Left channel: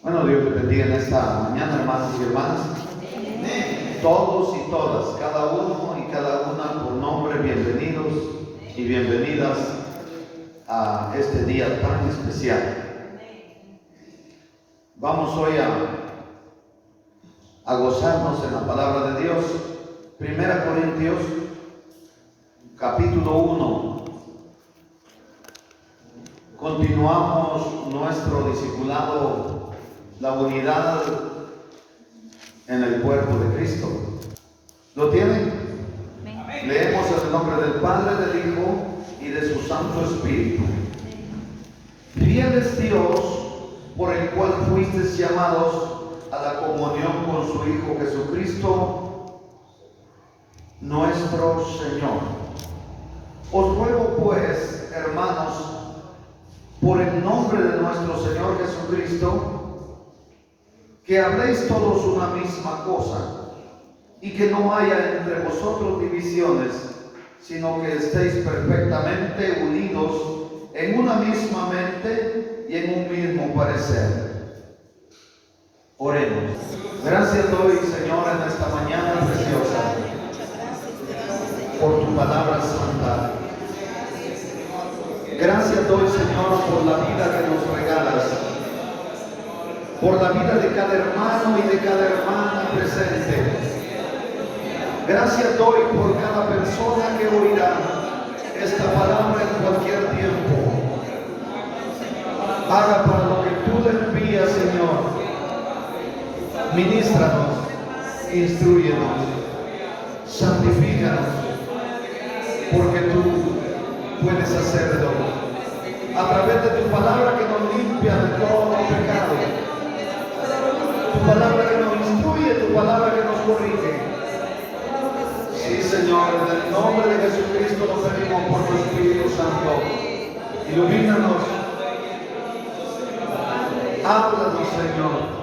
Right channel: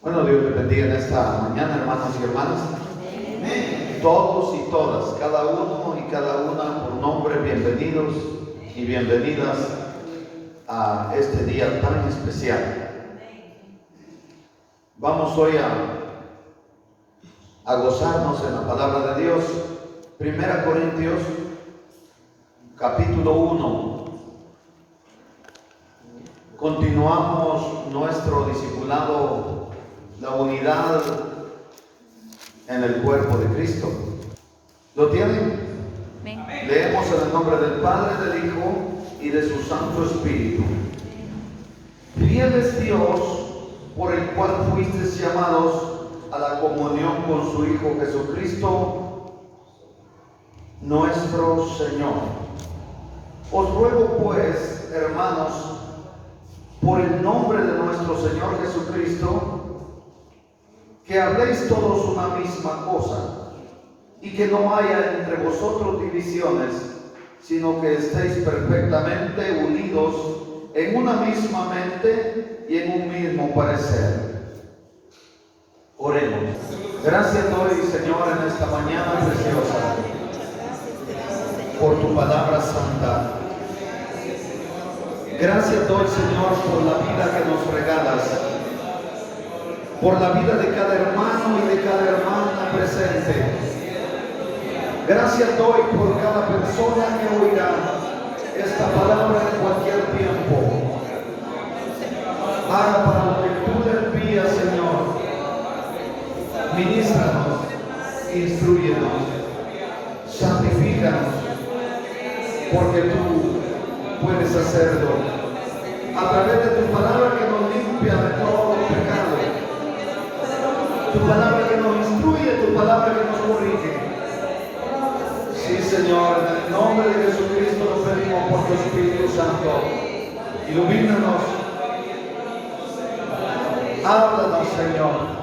Bueno, Dios te bendiga en esta mañana, hermanos y hermanas. Todos y todas, cada uno y cada una por nombre, bienvenidos y bienvenidas a este día tan especial. Vamos hoy a gozarnos en la palabra de Dios. 1 Corintios, capítulo 1. Continuamos nuestro discipulado, la unidad en el cuerpo de Cristo. ¿Lo tienen? Amén. Leemos en el nombre del Padre, del Hijo y de su Santo Espíritu. Fiel es Dios, por el cual fuisteis llamados a la comunión con su Hijo Jesucristo, nuestro Señor. Os ruego pues, hermanos, por el nombre de nuestro Señor Jesucristo, que habléis todos una misma cosa, y que no haya entre vosotros divisiones, sino que estéis perfectamente unidos en una misma mente y en un mismo parecer. Oremos. Gracias doy, Señor, en esta mañana preciosa, por tu palabra santa. Gracias doy, Señor, por la vida que nos regalas, por la vida de cada hermano y de cada hermana presente. Gracias doy por cada persona que oirá esta palabra en cualquier tiempo. Haga para lo que tú le envías, Señor. Ministranos, instruyenos, santifícanos, porque tú puedes hacerlo a través de tu palabra que nos limpia de todo pecado, tu palabra que nos instruye, tu palabra que nos corrige. Sí, Señor, en el nombre de Jesucristo lo pedimos por tu Espíritu Santo. Ilumínanos, háblanos, Señor.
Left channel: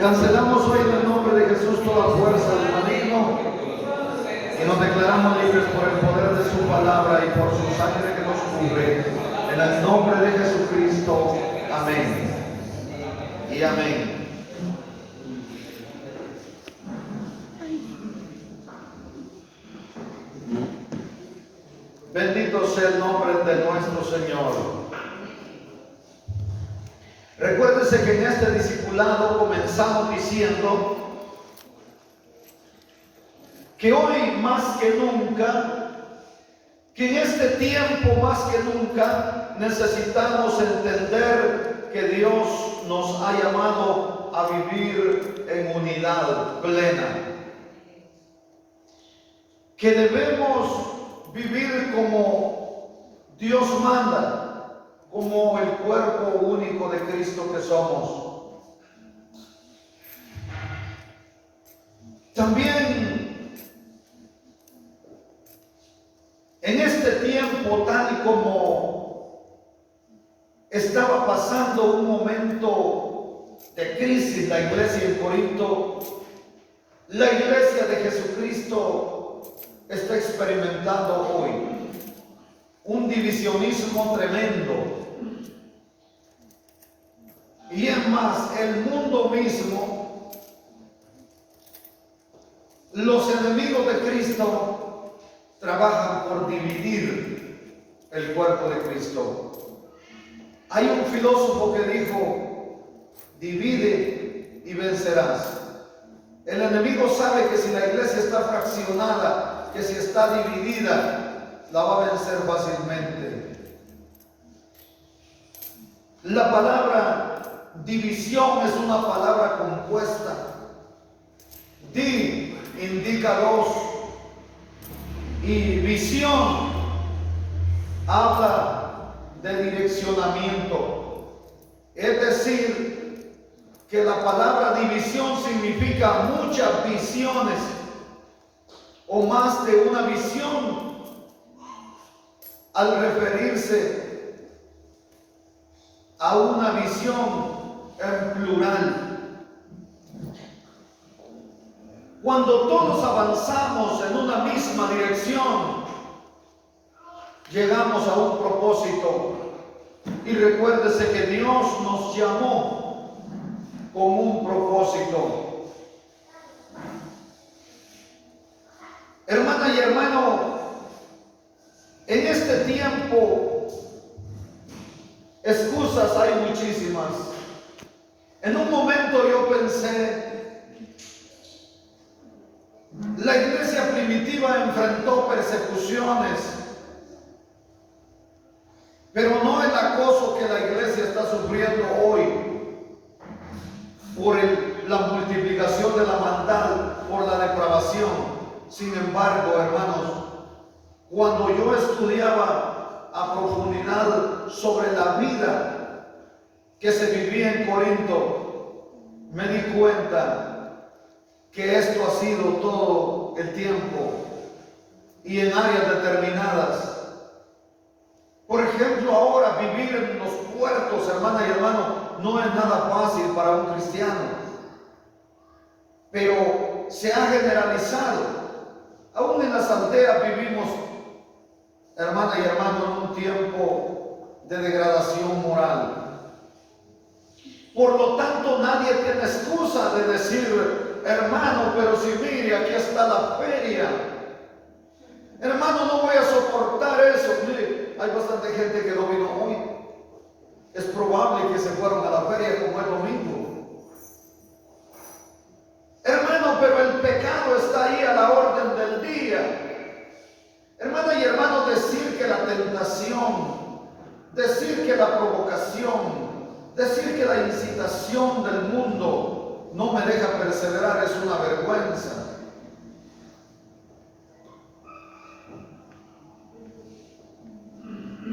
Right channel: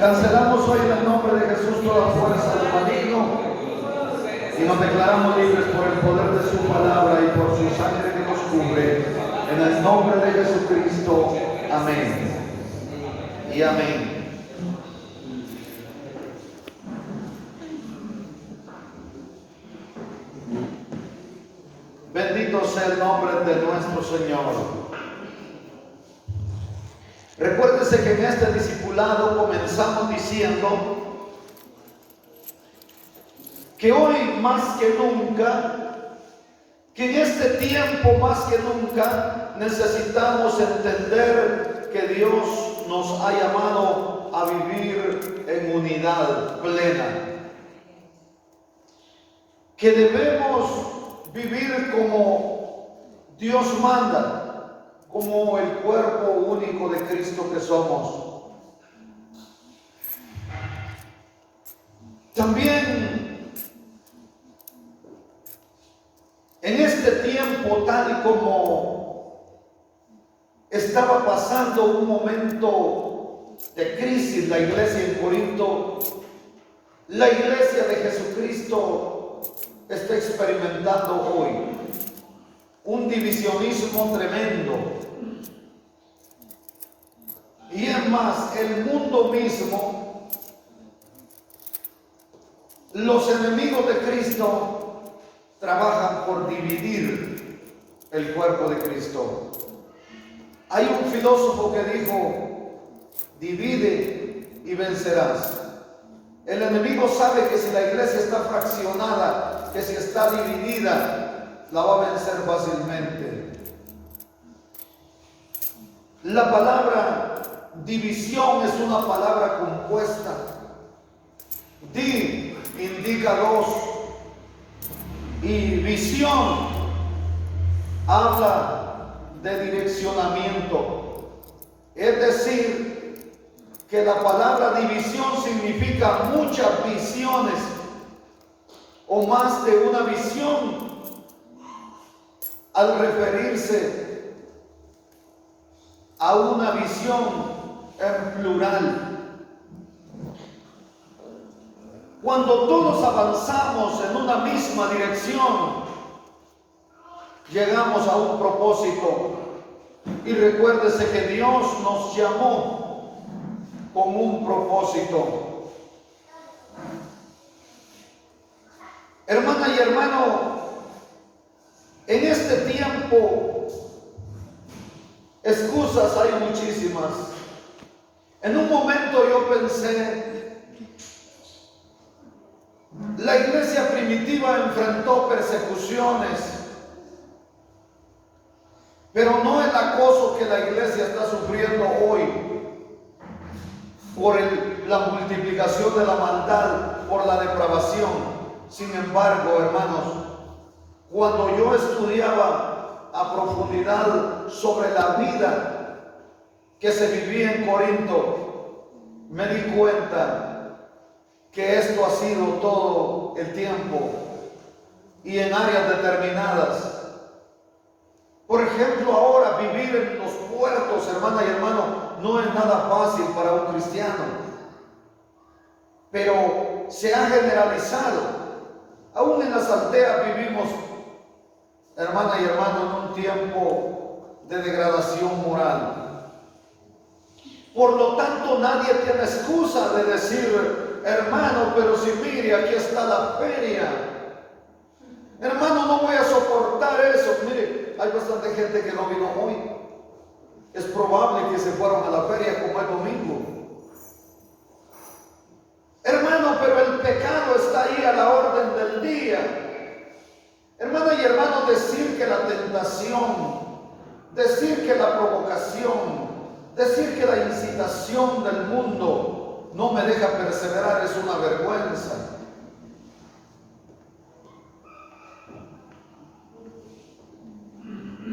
Cancelamos hoy en el nombre de Jesús toda fuerza del maligno y nos declaramos libres por el poder de su palabra y por su sangre que nos cubre. En el nombre de Jesucristo. Amén. Y amén. Bendito sea el nombre de nuestro Señor. Recuérdese que en este discipulado comenzamos diciendo que hoy más que nunca, que en este tiempo más que nunca necesitamos entender que Dios nos ha llamado a vivir en unidad plena, que debemos vivir como Dios manda, como el cuerpo único de Cristo que somos. También en este tiempo, tal y como estaba pasando un momento de crisis la iglesia en Corinto, la iglesia de Jesucristo está experimentando hoy un divisionismo tremendo. Y es más, el mundo mismo, los enemigos de Cristo trabajan por dividir el cuerpo de Cristo. Hay un filósofo que dijo: divide y vencerás. El enemigo sabe que si la iglesia está fraccionada, que si está dividida, la va a vencer fácilmente. La palabra división es una palabra compuesta. Di indica dos y visión habla de direccionamiento. Es decir, que la palabra división significa muchas visiones o más de una visión al referirse a una visión en plural. Cuando todos avanzamos en una misma dirección, llegamos a un propósito. Y recuérdese que Dios nos llamó con un propósito. Hermana y hermano, en este tiempo, excusas hay muchísimas. En un momento yo pensé, la iglesia primitiva enfrentó persecuciones, pero no el acoso que la iglesia está sufriendo hoy por la multiplicación de la maldad, por la depravación. Sin embargo, hermanos, cuando yo estudiaba a profundidad sobre la vida que se vivía en Corinto, me di cuenta que esto ha sido todo el tiempo y en áreas determinadas. Por ejemplo, ahora vivir en los puertos, hermana y hermano, no es nada fácil para un cristiano, pero se ha generalizado. Aún en las aldeas vivimos, hermana y hermano, en un tiempo de degradación moral. Por lo tanto, nadie tiene excusa de decir, hermano, pero si mire, aquí está la feria. Hermano, no voy a soportar eso. Mire, hay bastante gente que no vino hoy. Es probable que se fueron a la feria como el domingo. Hermano, pero el pecado está ahí a la orden del día. Hermana y hermano, decir que la tentación, decir que la provocación, decir que la incitación del mundo no me deja perseverar es una vergüenza.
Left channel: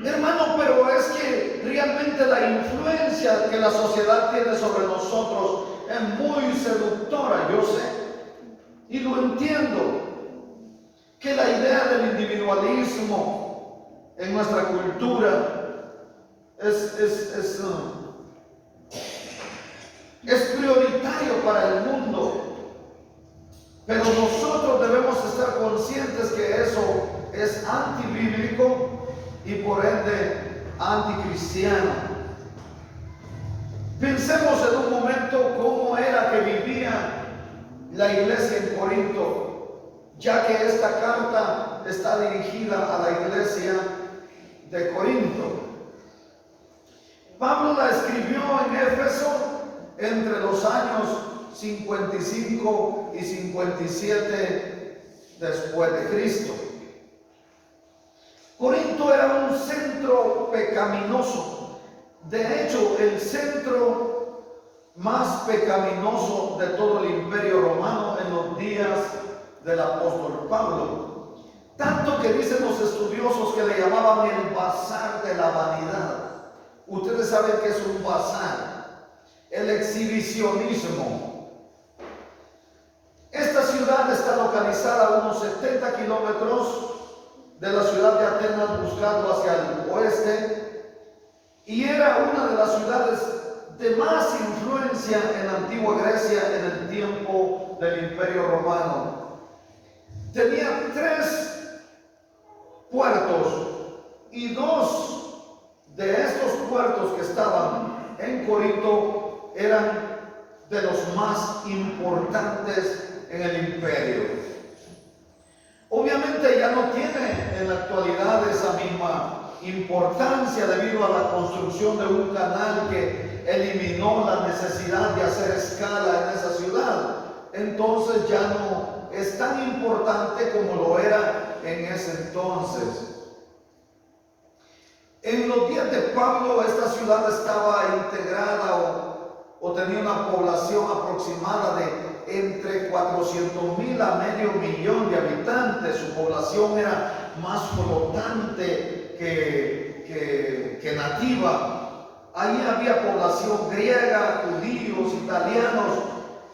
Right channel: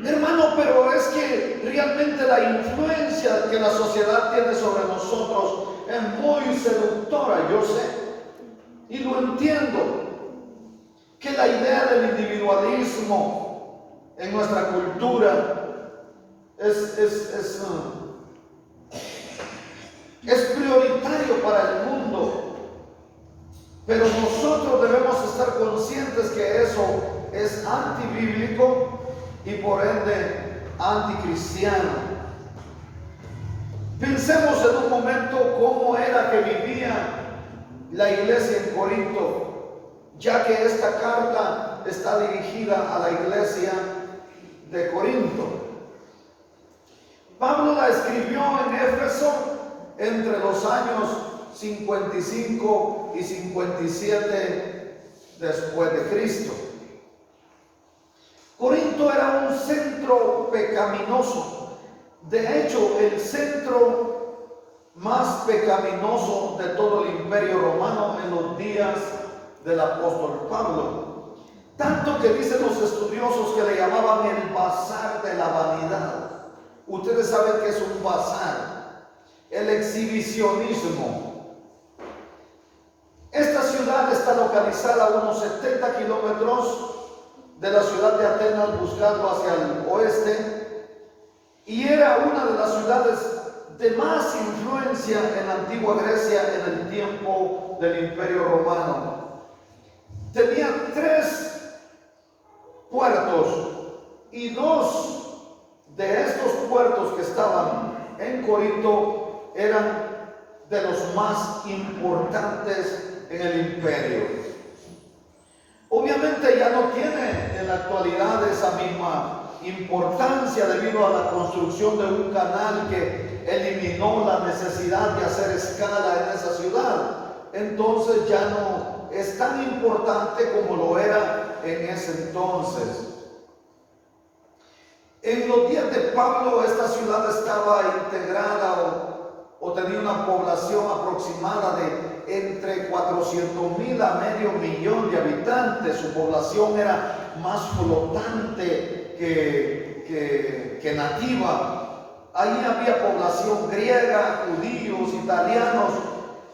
Hermano, pero es que realmente la influencia que la sociedad tiene sobre nosotros es muy seductora, yo sé, y lo entiendo, que la idea del individualismo en nuestra cultura es prioritario para el mundo, pero nosotros debemos estar conscientes que eso es antibíblico y por ende anticristiano. Pensemos en un momento cómo era que vivía la iglesia en Corinto, ya que esta carta está dirigida a la iglesia de Corinto. Pablo la escribió en Éfeso entre los años 55 y 57 después de Cristo. Corinto era un centro pecaminoso. De hecho, el centro más pecaminoso de todo el imperio romano en los días del apóstol Pablo. Tanto que dicen los estudiosos que le llamaban el bazar de la vanidad. Ustedes saben que es un bazar, el exhibicionismo. Esta ciudad está localizada a unos 70 kilómetros de la ciudad de Atenas, buscando hacia el oeste. Y era una de las ciudades de más influencia en la antigua Grecia en el tiempo del Imperio Romano. Tenía 3 puertos y 2 de estos puertos que estaban en Corinto eran de los más importantes en el imperio. Obviamente ya no tiene en la actualidad esa misma importancia debido a la construcción de un canal que eliminó la necesidad de hacer escala en esa ciudad. Entonces ya no es tan importante como lo era en ese entonces. En los días de Pablo esta ciudad estaba integrada o tenía una población aproximada de entre 400,000 a medio millón de habitantes. Su población era más flotante que nativa. Ahí había población griega, judíos, italianos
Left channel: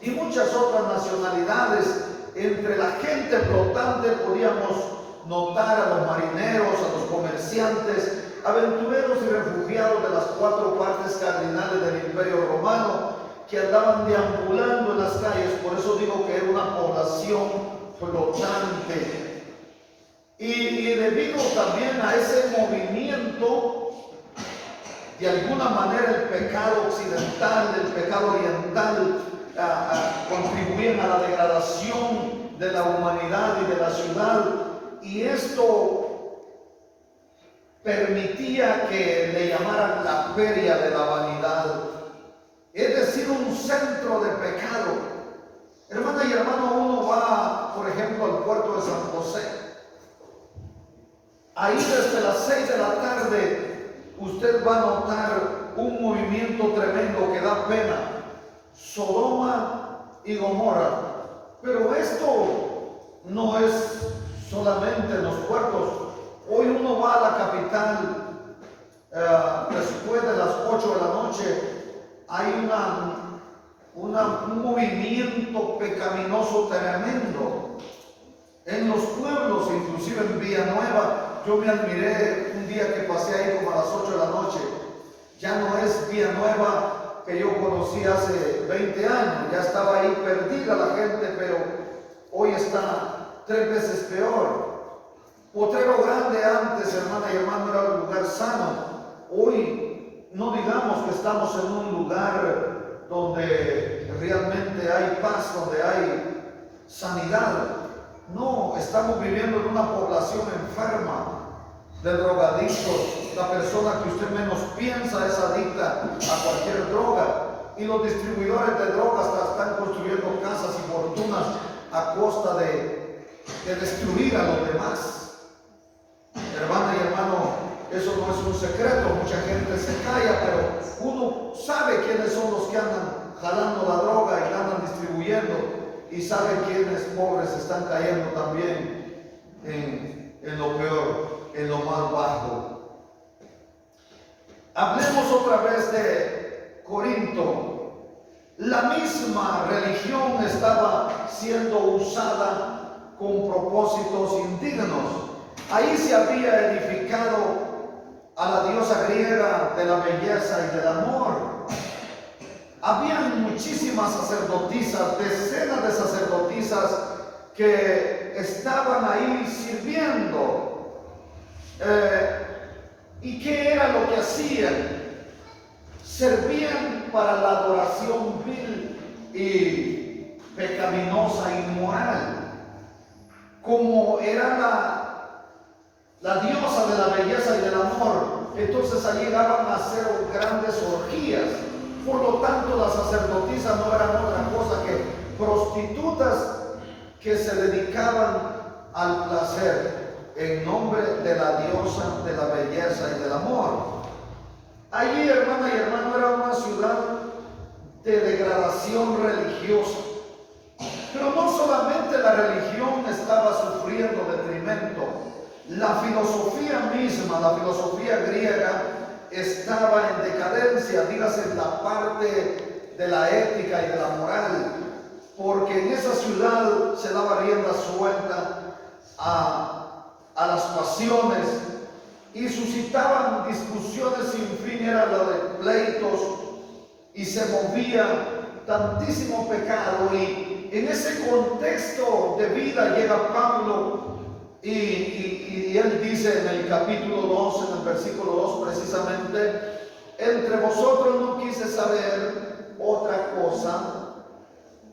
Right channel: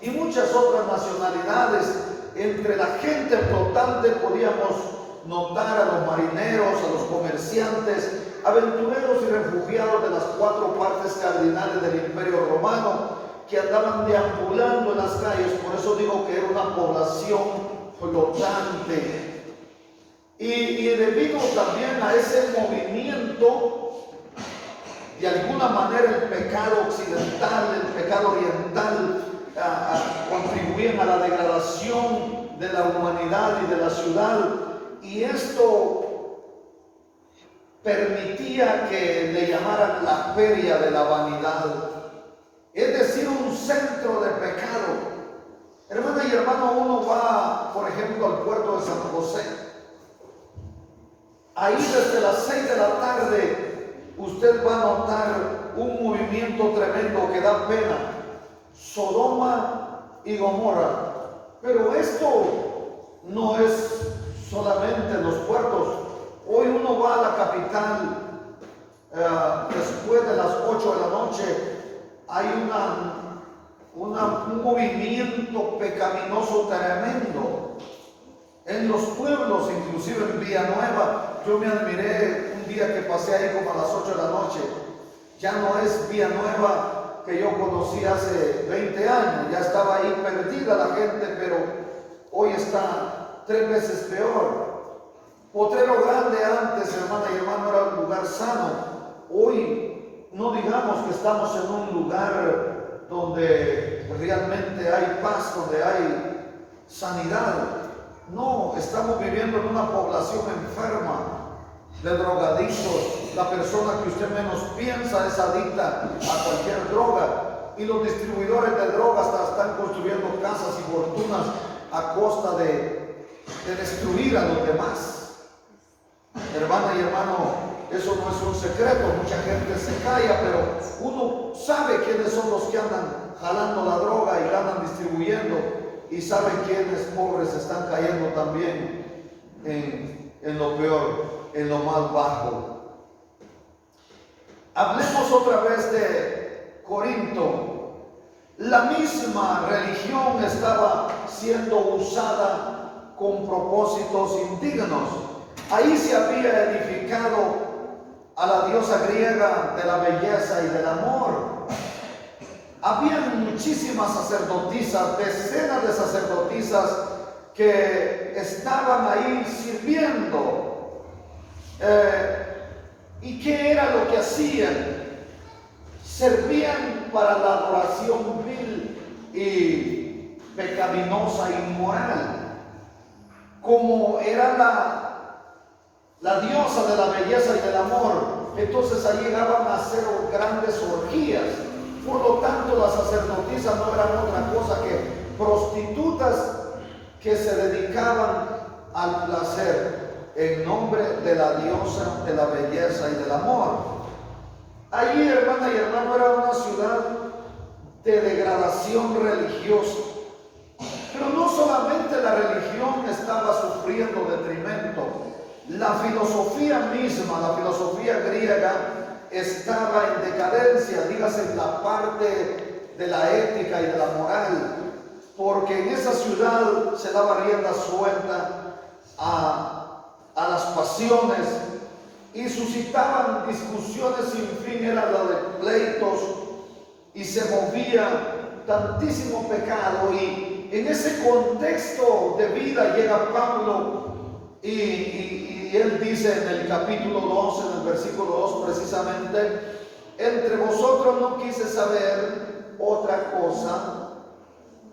y muchas otras nacionalidades. Entre la gente flotante podíamos notar a los marineros, a los comerciantes, aventureros y refugiados de las 4 partes cardinales del Imperio Romano que andaban deambulando en las calles. Por eso digo que era una población flotante. Y debido también a ese movimiento, de alguna manera el pecado occidental, el pecado pecado oriental contribuían a la degradación de la humanidad y de la ciudad, y esto permitía que le llamaran la feria de la vanidad, es decir, un centro de pecado. Hermana y hermano, uno va, por ejemplo, al puerto de San José. Ahí desde las 6 de la tarde usted va a notar un movimiento tremendo que da pena. Sodoma y Gomorra. Pero esto no es solamente en los puertos. Hoy uno va a la capital después de las 8 de la noche. Hay un movimiento pecaminoso tremendo en los pueblos, inclusive en Villanueva. Yo me admiré un día que pasé ahí como a las 8 de la noche. Ya no es Villanueva que yo conocí hace 20 años, ya estaba ahí perdida la gente, pero hoy está 3 veces peor. Potrero Grande antes, hermana y hermano, era un lugar sano. Hoy no digamos que estamos en un lugar donde realmente hay paz, donde hay sanidad. No, estamos viviendo en una población enferma de drogadictos. La persona que usted menos piensa es adicta a cualquier droga, y los distribuidores de drogas están construyendo casas y fortunas a costa de destruir a los demás. Hermana y hermano, eso no es un secreto, mucha gente se calla, pero uno sabe quiénes son los que andan jalando la droga y la andan distribuyendo, y sabe quiénes pobres están cayendo también en lo peor, en lo más bajo. Hablemos otra vez de Corinto. La misma religión estaba siendo usada con propósitos indignos. Ahí se había edificado a la diosa griega de la belleza y del amor. Habían muchísimas sacerdotisas, decenas de sacerdotisas que estaban ahí sirviendo. ¿Y qué era lo que hacían? Servían para la adoración vil y pecaminosa, inmoral. Como era la diosa de la belleza y del amor, entonces allí llegaban a hacer grandes orgías. Por lo tanto, las sacerdotisas no eran otra cosa que prostitutas que se dedicaban al placer en nombre de la diosa de la belleza y del amor. Allí, hermana y hermano, era una ciudad de degradación religiosa. Pero no solamente la religión estaba sufriendo detrimento, la filosofía misma, la filosofía griega, estaba en decadencia, dígase en la parte de la ética y de la moral, porque en esa ciudad se daba rienda suelta a las pasiones, y suscitaban discusiones sin fin, era la de pleitos, y se movía tantísimo pecado. Y en ese contexto de vida llega Pablo y él dice en el capítulo 2, en el versículo 2 precisamente: entre vosotros no quise saber otra cosa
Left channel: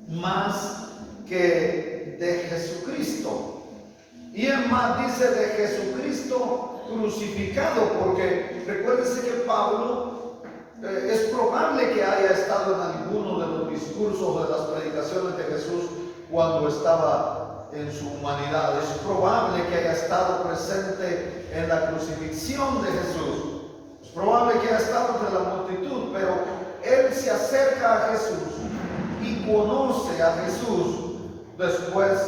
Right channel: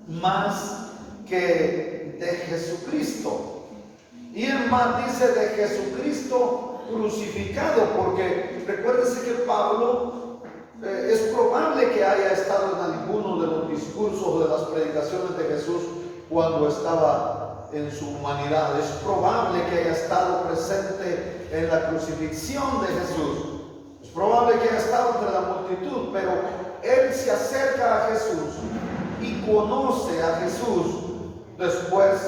más que de Jesucristo. Y es más, dice de Jesucristo crucificado, porque recuérdese que Pablo es probable que haya estado en alguno de los discursos de las predicaciones de Jesús cuando estaba en su humanidad. Es probable que haya estado presente en la crucifixión de Jesús. Es probable que haya estado entre la multitud, pero él se acerca a Jesús y conoce a Jesús después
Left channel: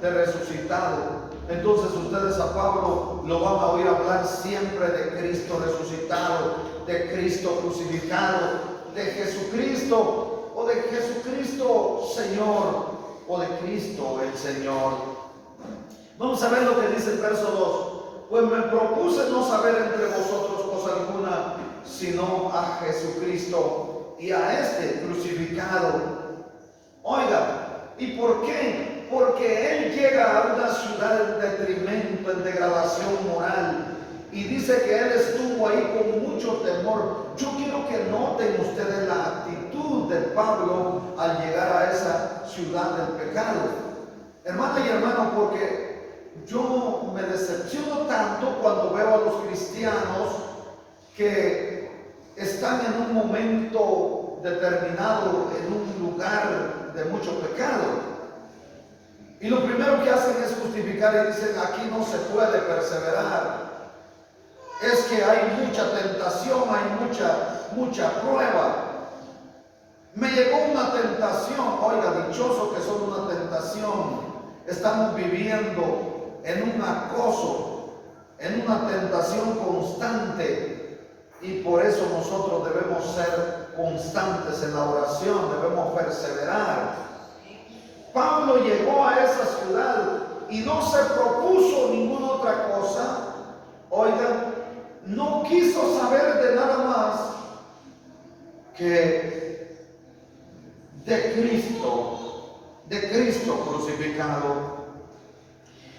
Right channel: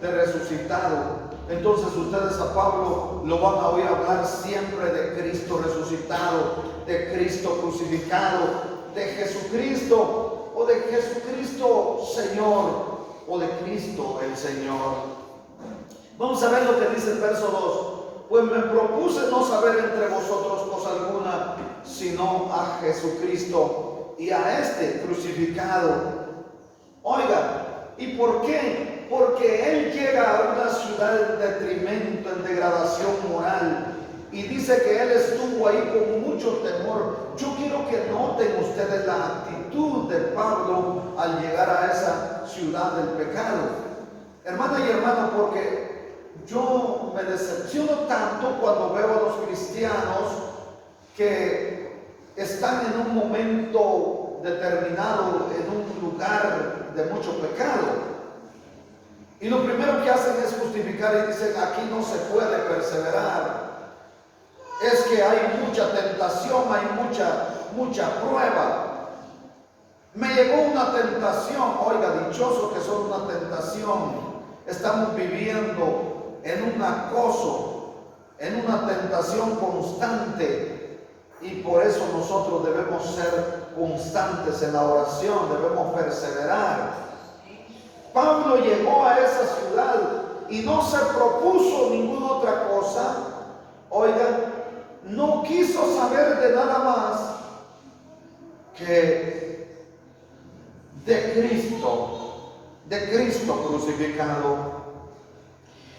de resucitado. Entonces ustedes a Pablo lo van a oír hablar siempre de Cristo resucitado, de Cristo crucificado, de Jesucristo, o de Jesucristo Señor, o de Cristo el Señor. Vamos a ver lo que dice el verso 2. Pues me propuse no saber entre vosotros cosa alguna, sino a Jesucristo y a este crucificado. Oiga, ¿y por qué? Porque él llega a una ciudad en detrimento, en degradación moral, y dice que él estuvo ahí con mucho temor. Yo quiero que noten ustedes la actitud de Pablo del pecado. Hermana y hermano, porque yo me decepciono tanto cuando veo a los cristianos que están en un momento determinado, en un lugar de mucho pecado. Y lo primero que hacen es justificar y dicen, aquí no se puede perseverar. Es que hay mucha tentación, hay mucha prueba. Me llegó una tentación, oiga, dichoso que son una tentación. Estamos viviendo en un acoso, en una tentación constante. Y por eso nosotros debemos ser constantes en la oración, debemos perseverar. Pablo llegó a esa ciudad y no se propuso ninguna otra cosa. Oigan, no quiso saber de nada más que de Cristo crucificado.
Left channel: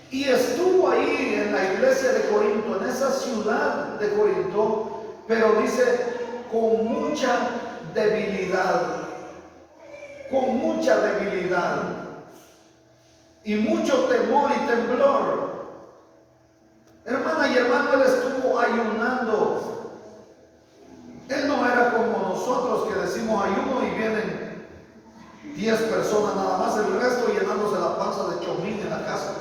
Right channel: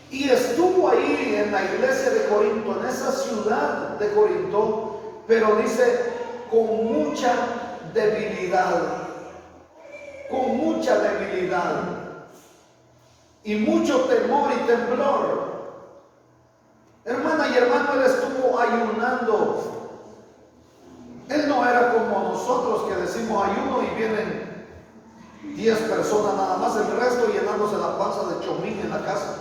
Y estuvo ahí en la iglesia de Corinto, en esa ciudad de Corinto, pero dice, con mucha debilidad. Con mucha debilidad y mucho temor y temblor. Hermana y hermano, él estuvo ayunando. Él no era como nosotros que decimos ayuno y vienen 10 personas nada más, el resto llenándose la panza de chomín en la casa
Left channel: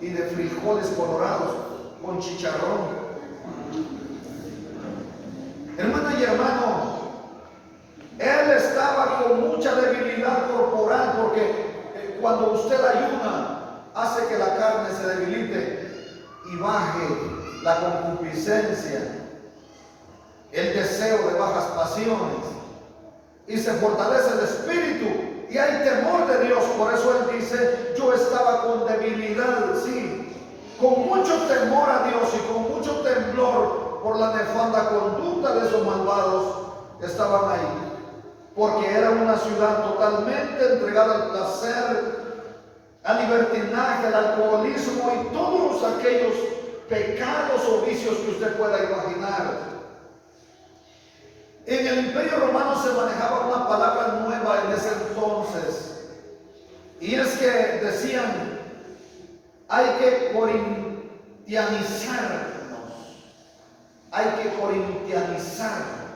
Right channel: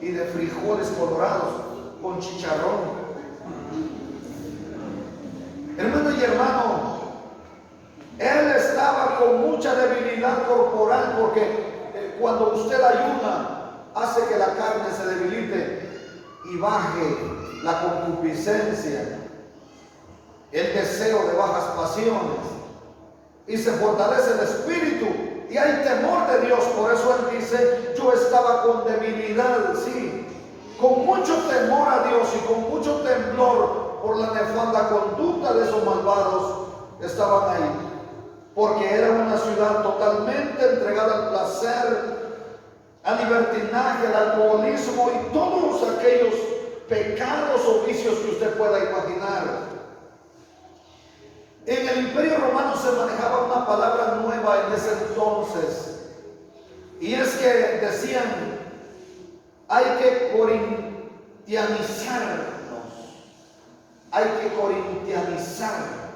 y de frijoles colorados con chicharrón. Hermana y hermano, él estaba con mucha debilidad corporal, porque cuando usted ayuna hace que la carne se debilite y baje la concupiscencia, el deseo de bajas pasiones, y se fortalece el espíritu y hay temor de Dios. Por eso él dice, yo estaba con debilidad, sí, con mucho temor a Dios y con mucho temblor por la nefanda conducta de esos malvados. Estaban ahí porque era una ciudad totalmente entregada al placer, al libertinaje, al alcoholismo y todos aquellos pecados o vicios que usted pueda imaginar. En el Imperio Romano se manejaba una palabra nueva en ese entonces, y es que decían, hay que corintianizarnos, hay que corintianizar.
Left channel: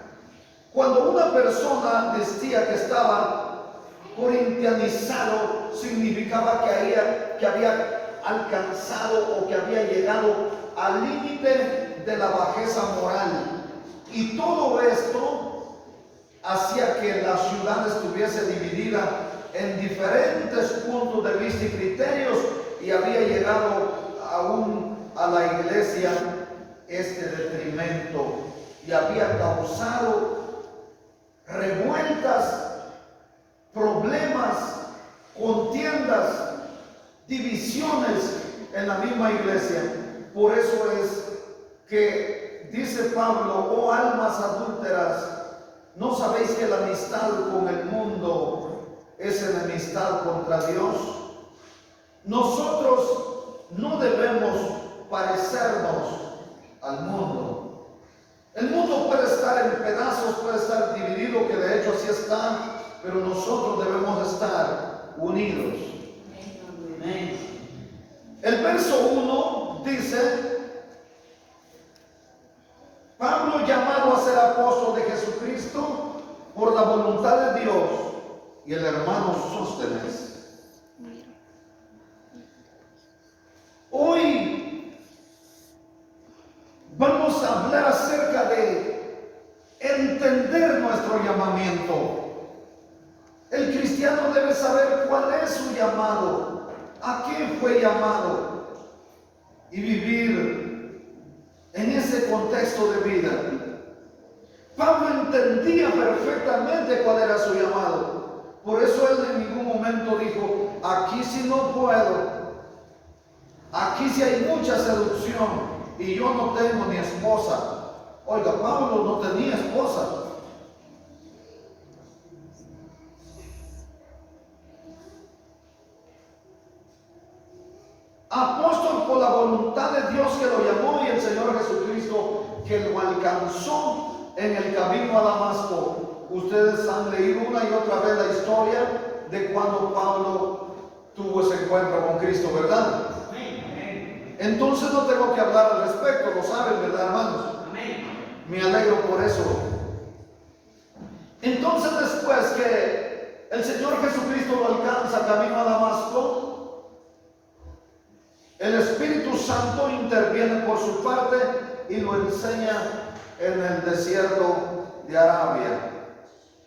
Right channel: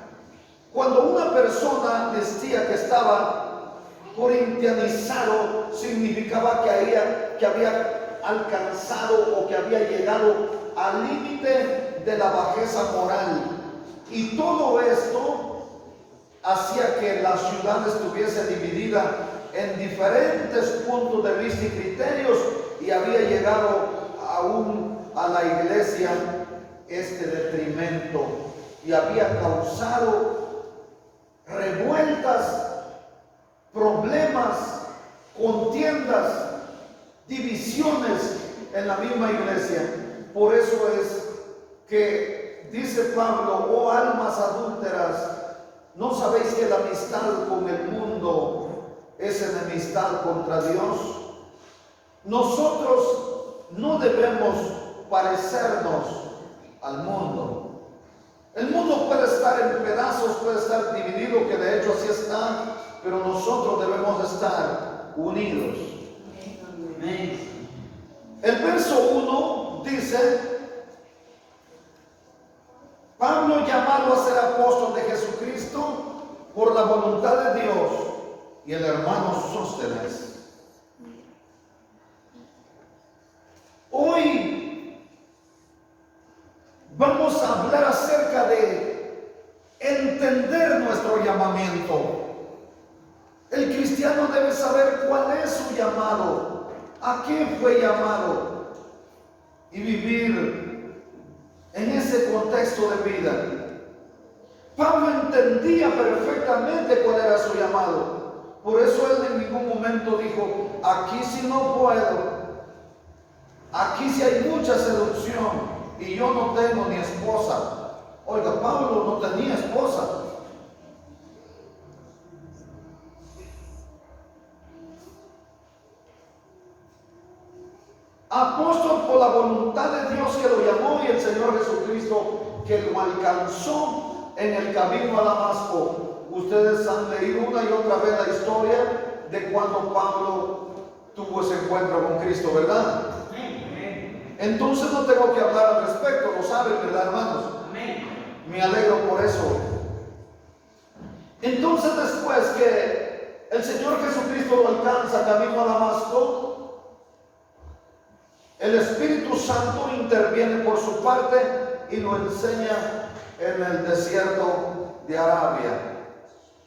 Cuando una persona decía que estaba corintianizado, significaba que había alcanzado o que había llegado al límite de la bajeza moral. Y todo esto hacía que la ciudad estuviese dividida en diferentes puntos de vista y criterios, y había llegado aún a la iglesia este detrimento y había causado revueltas, problemas, contiendas, divisiones en la misma iglesia. Por eso es que dice Pablo, oh almas adúlteras, ¿no sabéis que la amistad con el mundo es enemistad contra Dios? Nosotros no debemos parecernos al mundo. El mundo puede estar en pedazos, puede estar dividido, que de hecho así está, pero nosotros debemos estar unidos. El verso 1 dice, Pablo, llamado a ser apóstol de Jesucristo por la voluntad de Dios, y el hermano Sóstenes. Hoy vamos a hablar acerca de entender nuestro llamamiento. El cristiano debe saber cuál es su llamado, a qué fue llamado, y vivir en ese contexto de vida. Pablo entendía perfectamente cuál era su llamado. Por eso él en ningún momento dijo, aquí sí no puedo, aquí sí hay mucha seducción y yo no tengo ni esposa. Oiga, Pablo no tenía esposa. Apóstol por la voluntad de Dios que lo llamó, y el Señor Jesucristo que lo alcanzó en el camino a Damasco. Ustedes han leído una y otra vez la historia de cuando Pablo tuvo ese encuentro con Cristo, ¿verdad? Entonces no tengo que hablar al respecto, lo saben, ¿verdad, hermanos? Me alegro por eso. Entonces, después que el Señor Jesucristo lo alcanza camino a Damasco, el Espíritu Santo interviene por su parte y lo enseña en el desierto de Arabia.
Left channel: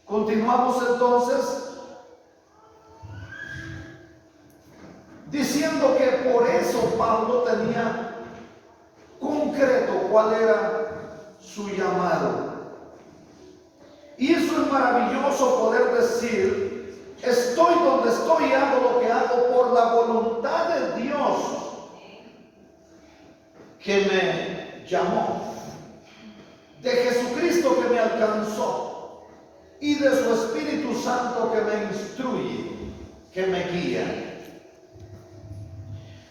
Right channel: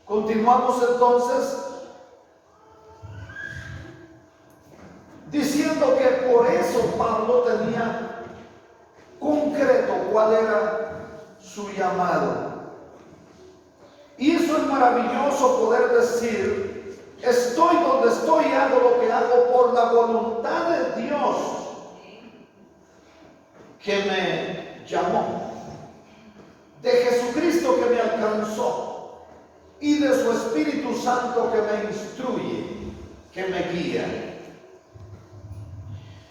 Continuamos entonces diciendo que por eso Pablo tenía concreto cuál era su llamado. Y eso es maravilloso poder decir: estoy donde estoy y hago lo que hago por la voluntad de Dios que me llamó, de Jesucristo que me alcanzó y de su Espíritu Santo que me instruye, que me guía.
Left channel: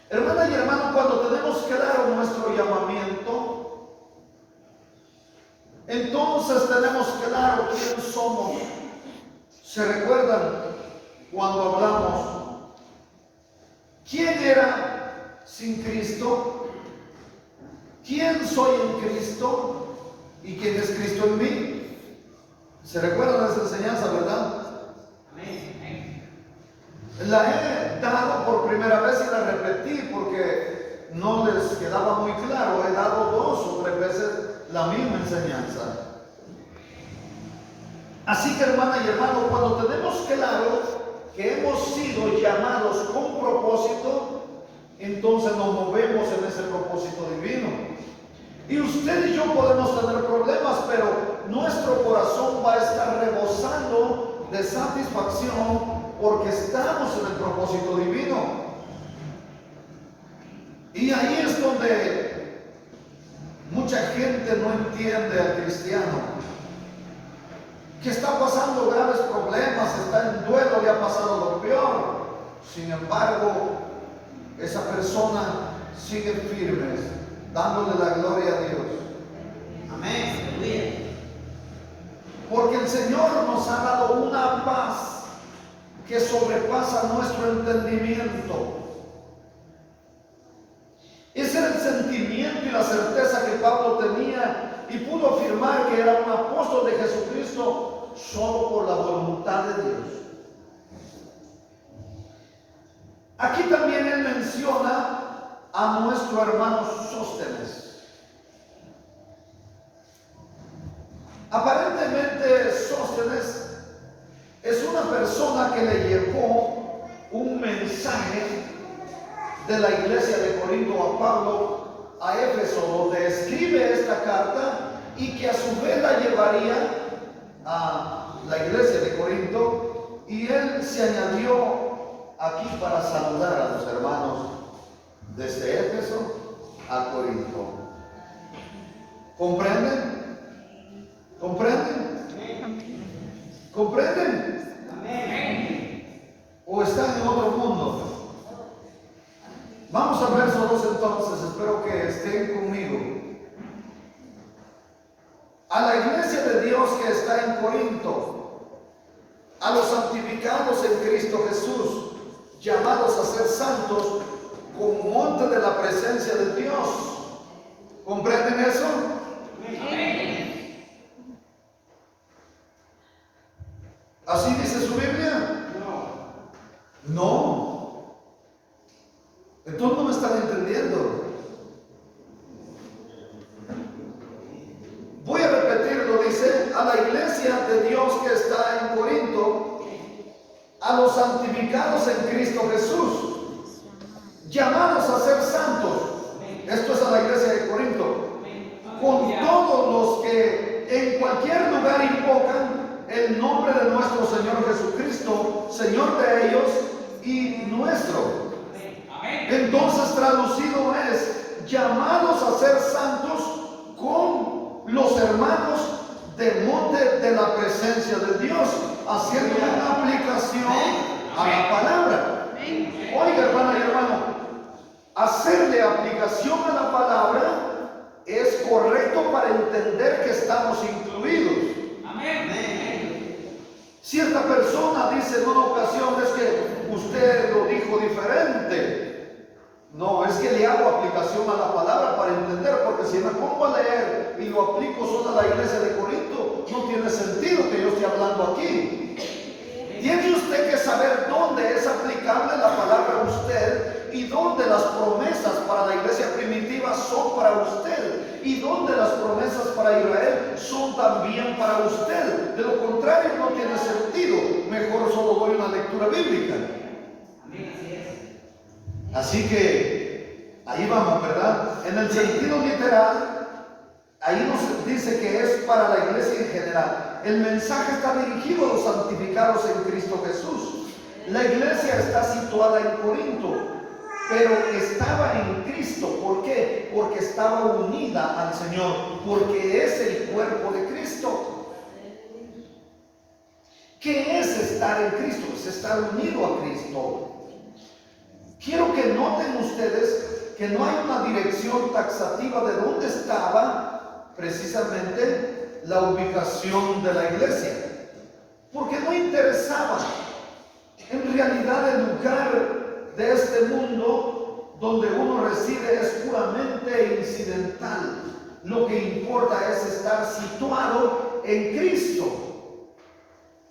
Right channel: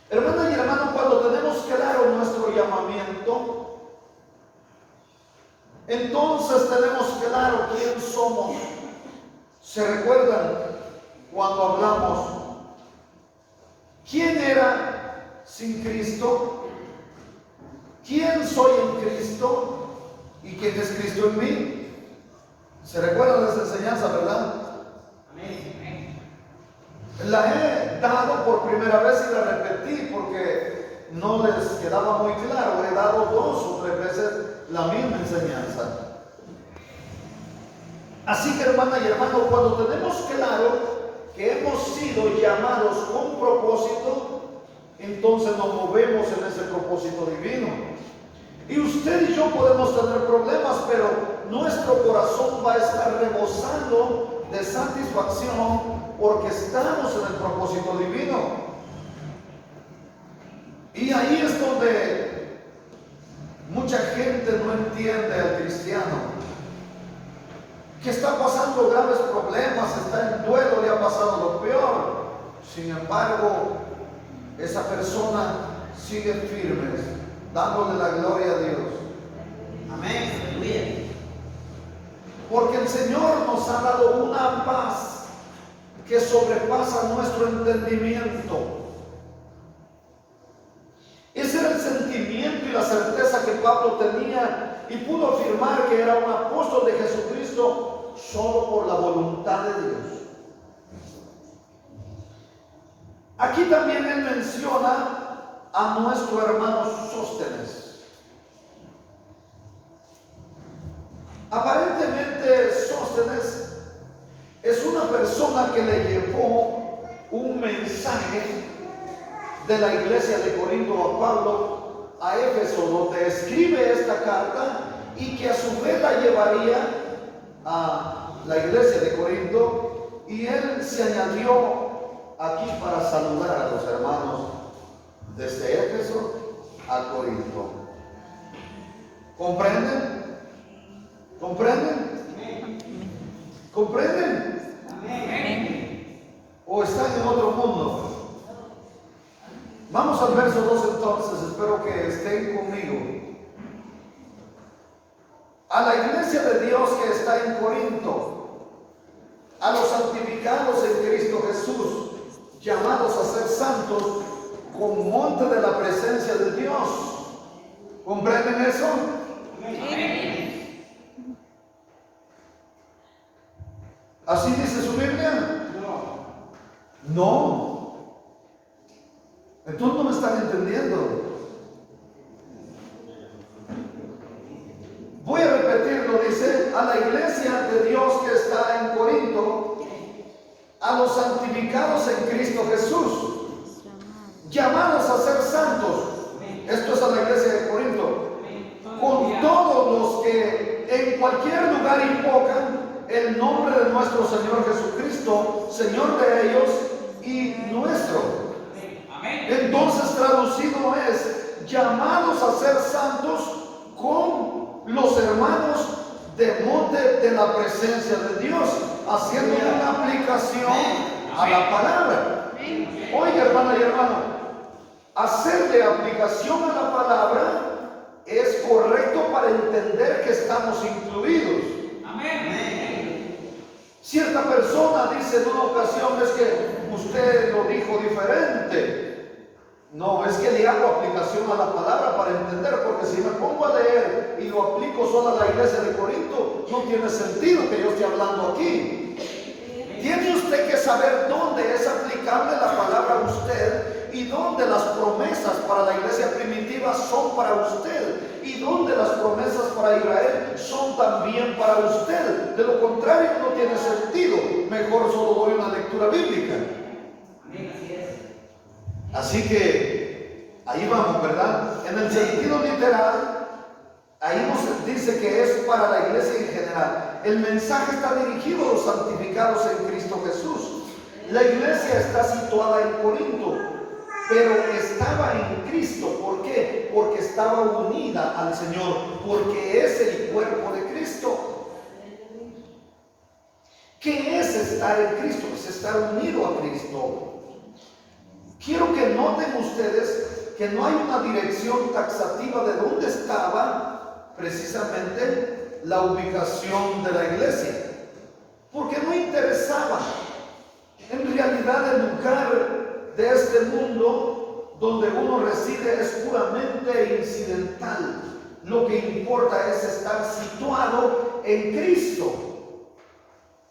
Hermanas y hermanos, cuando tenemos claro nuestro llamamiento, entonces tenemos claro quién somos. ¿Se recuerdan cuando hablamos quién era sin Cristo? ¿Quién soy en Cristo? ¿Y quién es Cristo en mí? ¿Se recuerdan de esa enseñanza, verdad? La he dado por primera vez y la repetí porque no les quedaba muy claro. He dado 2 o 3 veces la misma enseñanza. Así que, hermana y hermano, cuando tenemos claro que hemos sido llamados con propósito, entonces nos movemos en ese propósito divino. Y usted y yo podemos tener problemas, pero nuestro corazón va a estar rebosando de satisfacción porque estamos en el propósito divino. Y ahí es donde mucha gente no entiende al cristiano, que está pasando graves problemas, está en duelo, le ha pasado lo peor. Sin embargo, esa persona sigue firme, dándole la gloria a Dios. Amén. Porque el Señor nos ha dado una paz que sobrepasa nuestro entendimiento. Ese era el sentimiento y la certeza que Pablo tenía y pudo afirmar que era un apóstol de Jesucristo solo por la voluntad de Dios. Aquí también él menciona a nuestro hermano Sóstenes. Aparentemente Sóstenes es una persona que le llevó un mensaje de la iglesia de Corinto a Pablo a Éfeso, donde escribe esta carta y que a su vez la llevaría a la iglesia de Corinto, y él se añadió aquí para saludar a los hermanos desde Éfeso a Corinto. ¿Comprenden? ¿Comprenden? ¿Comprenden? ¿O están en otro mundo? Vamos al verso 2 entonces, espero que estén conmigo. A la iglesia de Dios que está en Corinto, a los santificados en Cristo Jesús, llamados a ser santos, con monte de la presencia de Dios. ¿Comprenden eso? ¿Así dice su Biblia? No. Entonces no me están entendiendo. Voy a repetirlo, dice: a la iglesia de Dios que está en Corinto, a los santificados en Cristo Jesús, llamados a ser santos. Esto es a la iglesia de Corinto, con todos los que en cualquier lugar invocan el nombre de nuestro Señor Jesucristo, Señor de ellos y nuestro. Entonces, traducido es: llamados a ser santos con los hermanos de monte de la presencia de Dios, haciendo una aplicación a la palabra. Oiga, hermana y hermano, hacerle aplicación a la palabra es correcto para entender que estamos incluidos. Cierta persona dice en una ocasión: es que usted lo dijo diferente. No, es que le hago aplicación a la palabra para entender, porque si me pongo a leer y lo aplico solo a la iglesia de Corinto, no tiene sentido que yo esté hablando aquí. Tiene usted que saber dónde es aplicable la palabra a usted y dónde las promesas para la iglesia primitiva son para usted y dónde las promesas para Israel son también para usted. De lo contrario no tiene sentido. Mejor solo doy una lectura bíblica. Así que ahí vamos, ¿verdad? En el sentido literal, ahí nos dice que es para la iglesia en general. El mensaje está dirigido a los santificados en Cristo Jesús. La iglesia está situada en Corinto, pero estaba en Cristo. ¿Por qué? Porque estaba unida al Señor, porque es el cuerpo de Cristo. ¿Qué es estar en Cristo? Es estar unido a Cristo. Quiero que noten ustedes que no hay una dirección taxativa de dónde estaba precisamente la ubicación de la iglesia, porque no interesaba. En realidad el lugar de este mundo donde uno reside es puramente incidental. Lo que importa es estar situado en Cristo.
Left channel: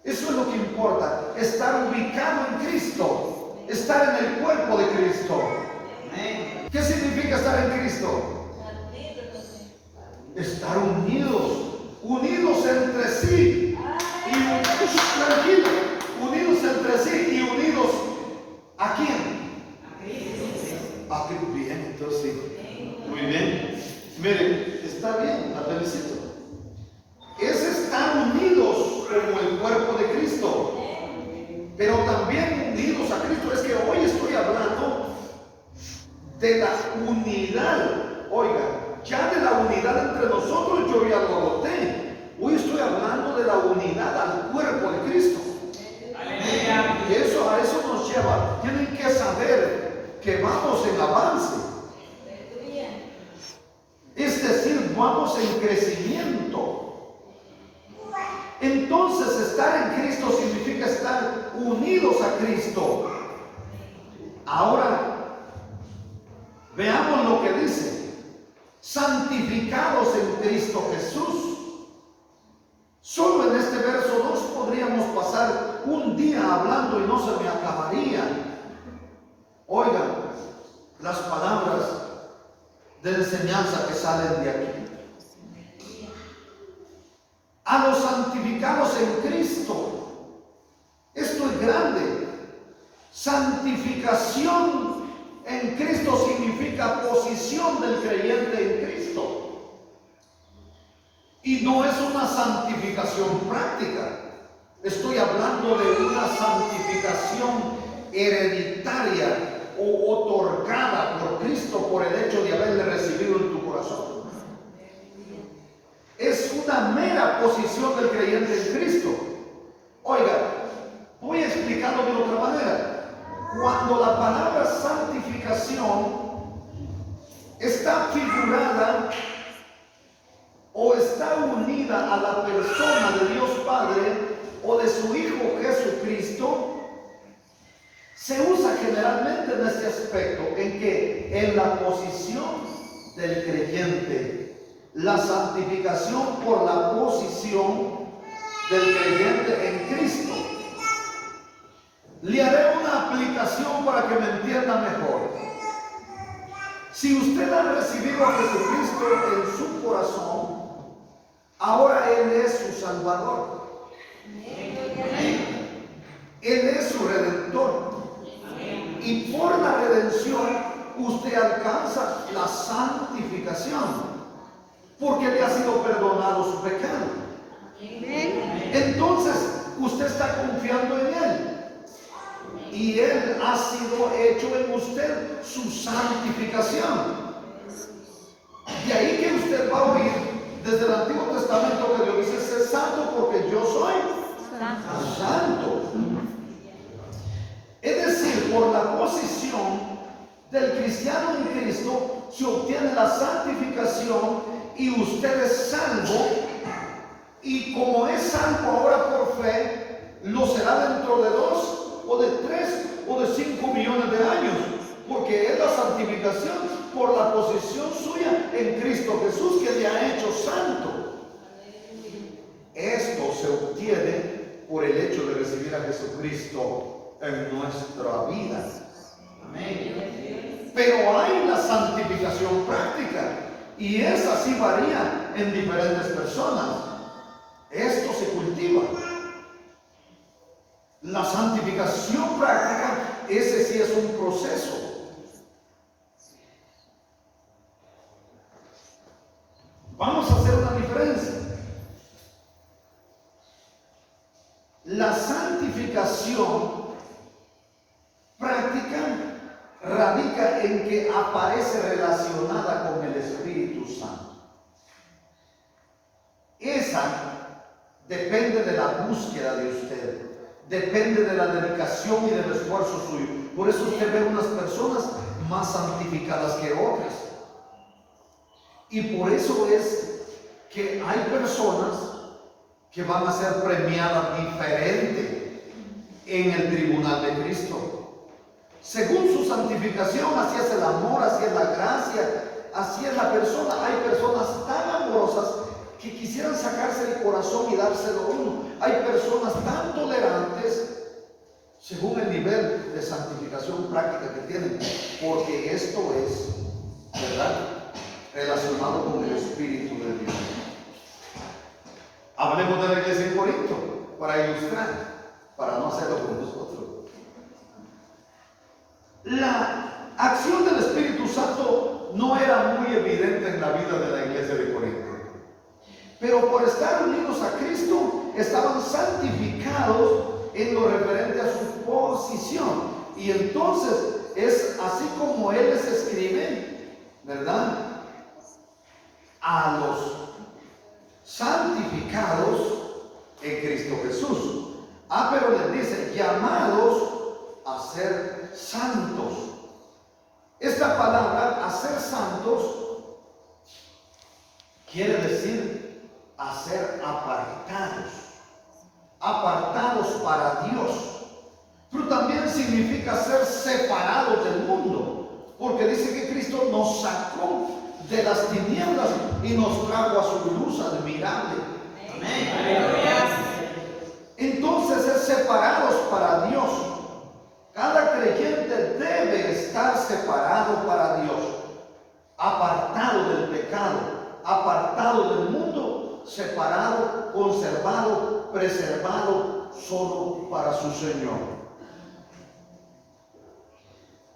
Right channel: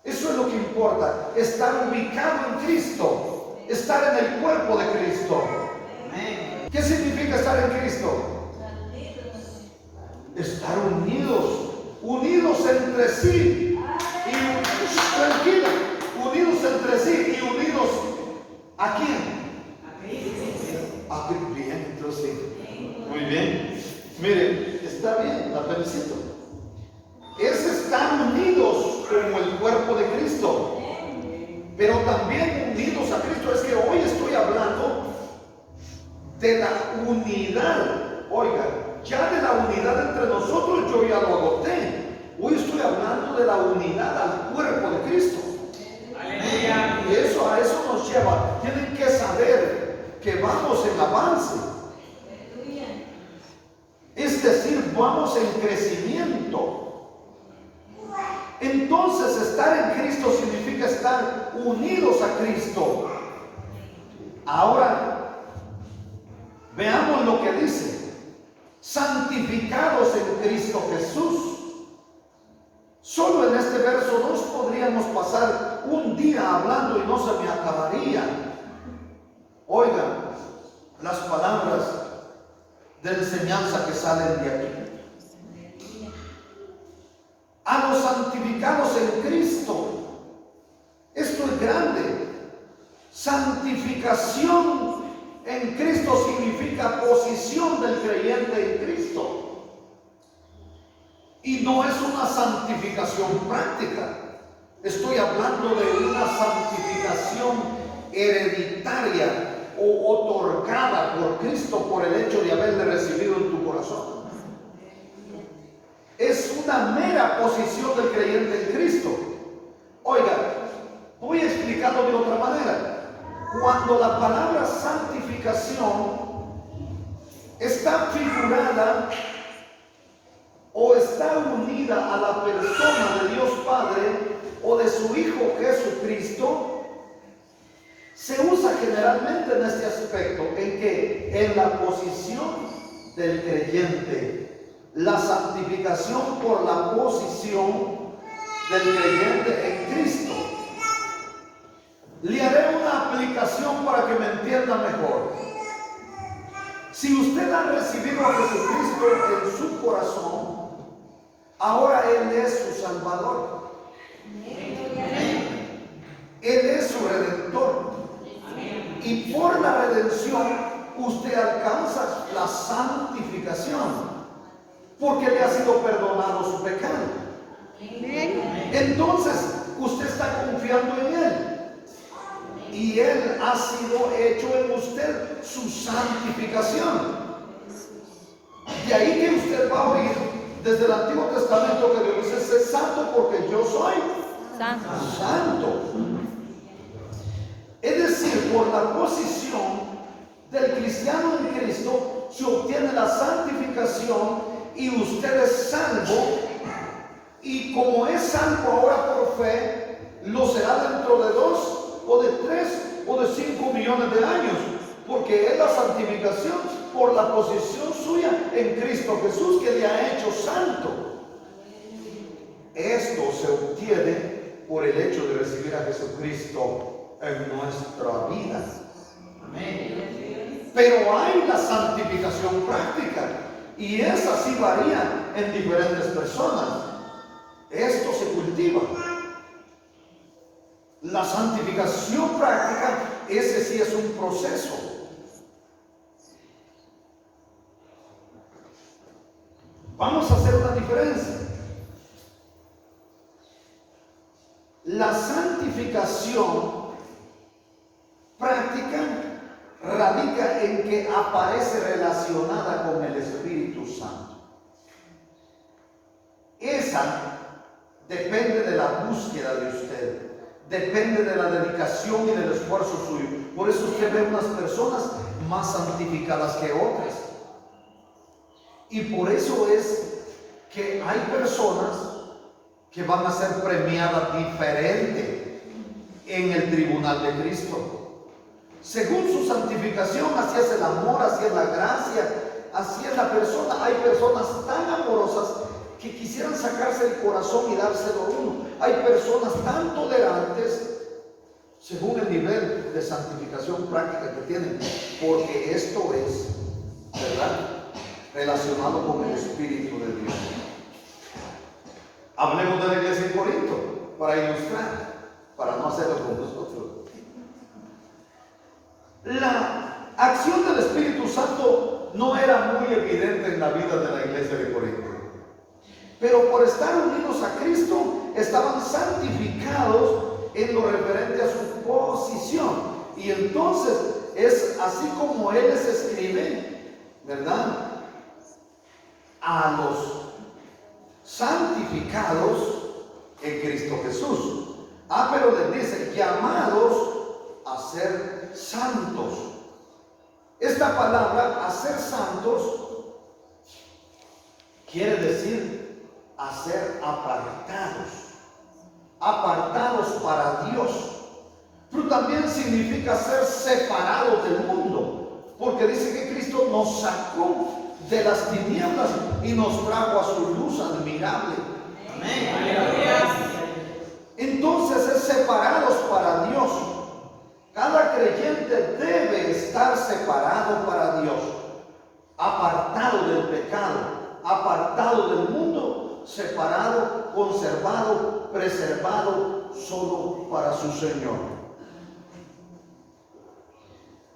Eso es lo que importa, estar ubicado en Cristo. Estar en el cuerpo de Cristo. ¿Qué significa estar en Cristo? Estar unidos entre sí. Y tranquilo, unidos entre sí y unidos ¿a quién? A Cristo. Bien, entonces sí. Muy bien. Mire, está bien, la felicito. Es estar unidos como el cuerpo de Cristo. Pero también unidos a Cristo. Es que hoy estoy hablando de la unidad. Oiga, ya de la unidad entre nosotros yo ya lo adopté. Hoy estoy hablando de la unidad al cuerpo de Cristo. Aleluya. Y eso, a eso nos lleva. Tienen que saber que vamos en avance. Es decir, vamos en crecimiento. Entonces estar en Cristo significa estar unidos a Cristo. Ahora, veamos lo que dice. Santificados en Cristo Jesús. Solo en este verso 2 podríamos pasar un día hablando y no se me acabaría. Oigan, las palabras de enseñanza que salen de aquí. A los santificados en Cristo. Esto es grande. Santificación en Cristo significa posición del creyente en Cristo. Y no es una santificación práctica. Estoy hablando de una santificación hereditaria o otorgada por Cristo por el hecho de haberle recibido en tu corazón. Es una mera posición del creyente en Cristo. Oiga, voy a explicarlo de otra manera. Cuando la palabra santificación está figurada o está unida a la persona de Dios Padre o de su Hijo Jesucristo, se usa generalmente en este aspecto, en que en la posición del creyente. La santificación por la posición del creyente en Cristo. Le haré una aplicación para que me entienda mejor. Si usted ha recibido a Jesucristo en su corazón, ahora Él es su Salvador. Él es su Redentor. Y por la redención usted alcanza la santificación. Porque le ha sido perdonado su pecado. Entonces, usted está confiando en Él. Y Él ha sido hecho en usted su santificación. De ahí que usted va a oír desde el Antiguo Testamento que Dios dice: sé santo porque yo soy santo. Es decir, por la posición del cristiano en Cristo se obtiene la santificación. Y usted es salvo, y como es salvo ahora por fe, lo será dentro de 2 o de 3 o de 5 millones de años, porque es la santificación por la posición suya en Cristo Jesús que le ha hecho santo. Esto se obtiene por el hecho de recibir a Jesucristo en nuestra vida. Amén. Pero hay la santificación práctica, y esa sí varía en diferentes personas. Esto se cultiva. La santificación práctica, ese sí es un proceso. Vamos a hacer una diferencia. La santificación práctica radica en que aparece relacionada con el Espíritu Santo. Esa depende de la búsqueda de usted, depende de la dedicación y del esfuerzo suyo. Por eso usted ve unas personas más santificadas que otras. Y por eso es que hay personas que van a ser premiadas diferente en el tribunal de Cristo. Según su santificación, así es el amor, así es la gracia, así es la persona. Hay personas tan amorosas que quisieran sacarse el corazón y dárselo uno. Hay personas tan tolerantes según el nivel de santificación práctica que tienen, porque esto es, ¿verdad?, relacionado con el Espíritu de Dios. Hablemos de la iglesia en Corinto para ilustrar, para no hacerlo con nosotros. La acción del Espíritu Santo no era muy evidente en la vida de la iglesia de Corinto, pero por estar unidos a Cristo estaban santificados en lo referente a su posición. Y entonces es así como Él les escribe, ¿verdad?, a los santificados en Cristo Jesús. Pero les dice, llamados a ser santos. Esta palabra, a ser santos, quiere decir a ser apartados, apartados para Dios. Pero también significa ser separados del mundo, porque dice que Cristo nos sacó de las tinieblas y nos trajo a su luz admirable. Amén. Entonces es separados para Dios. Cada creyente debe estar separado para Dios, apartado del pecado, apartado del mundo, separado, conservado, preservado solo para su Señor.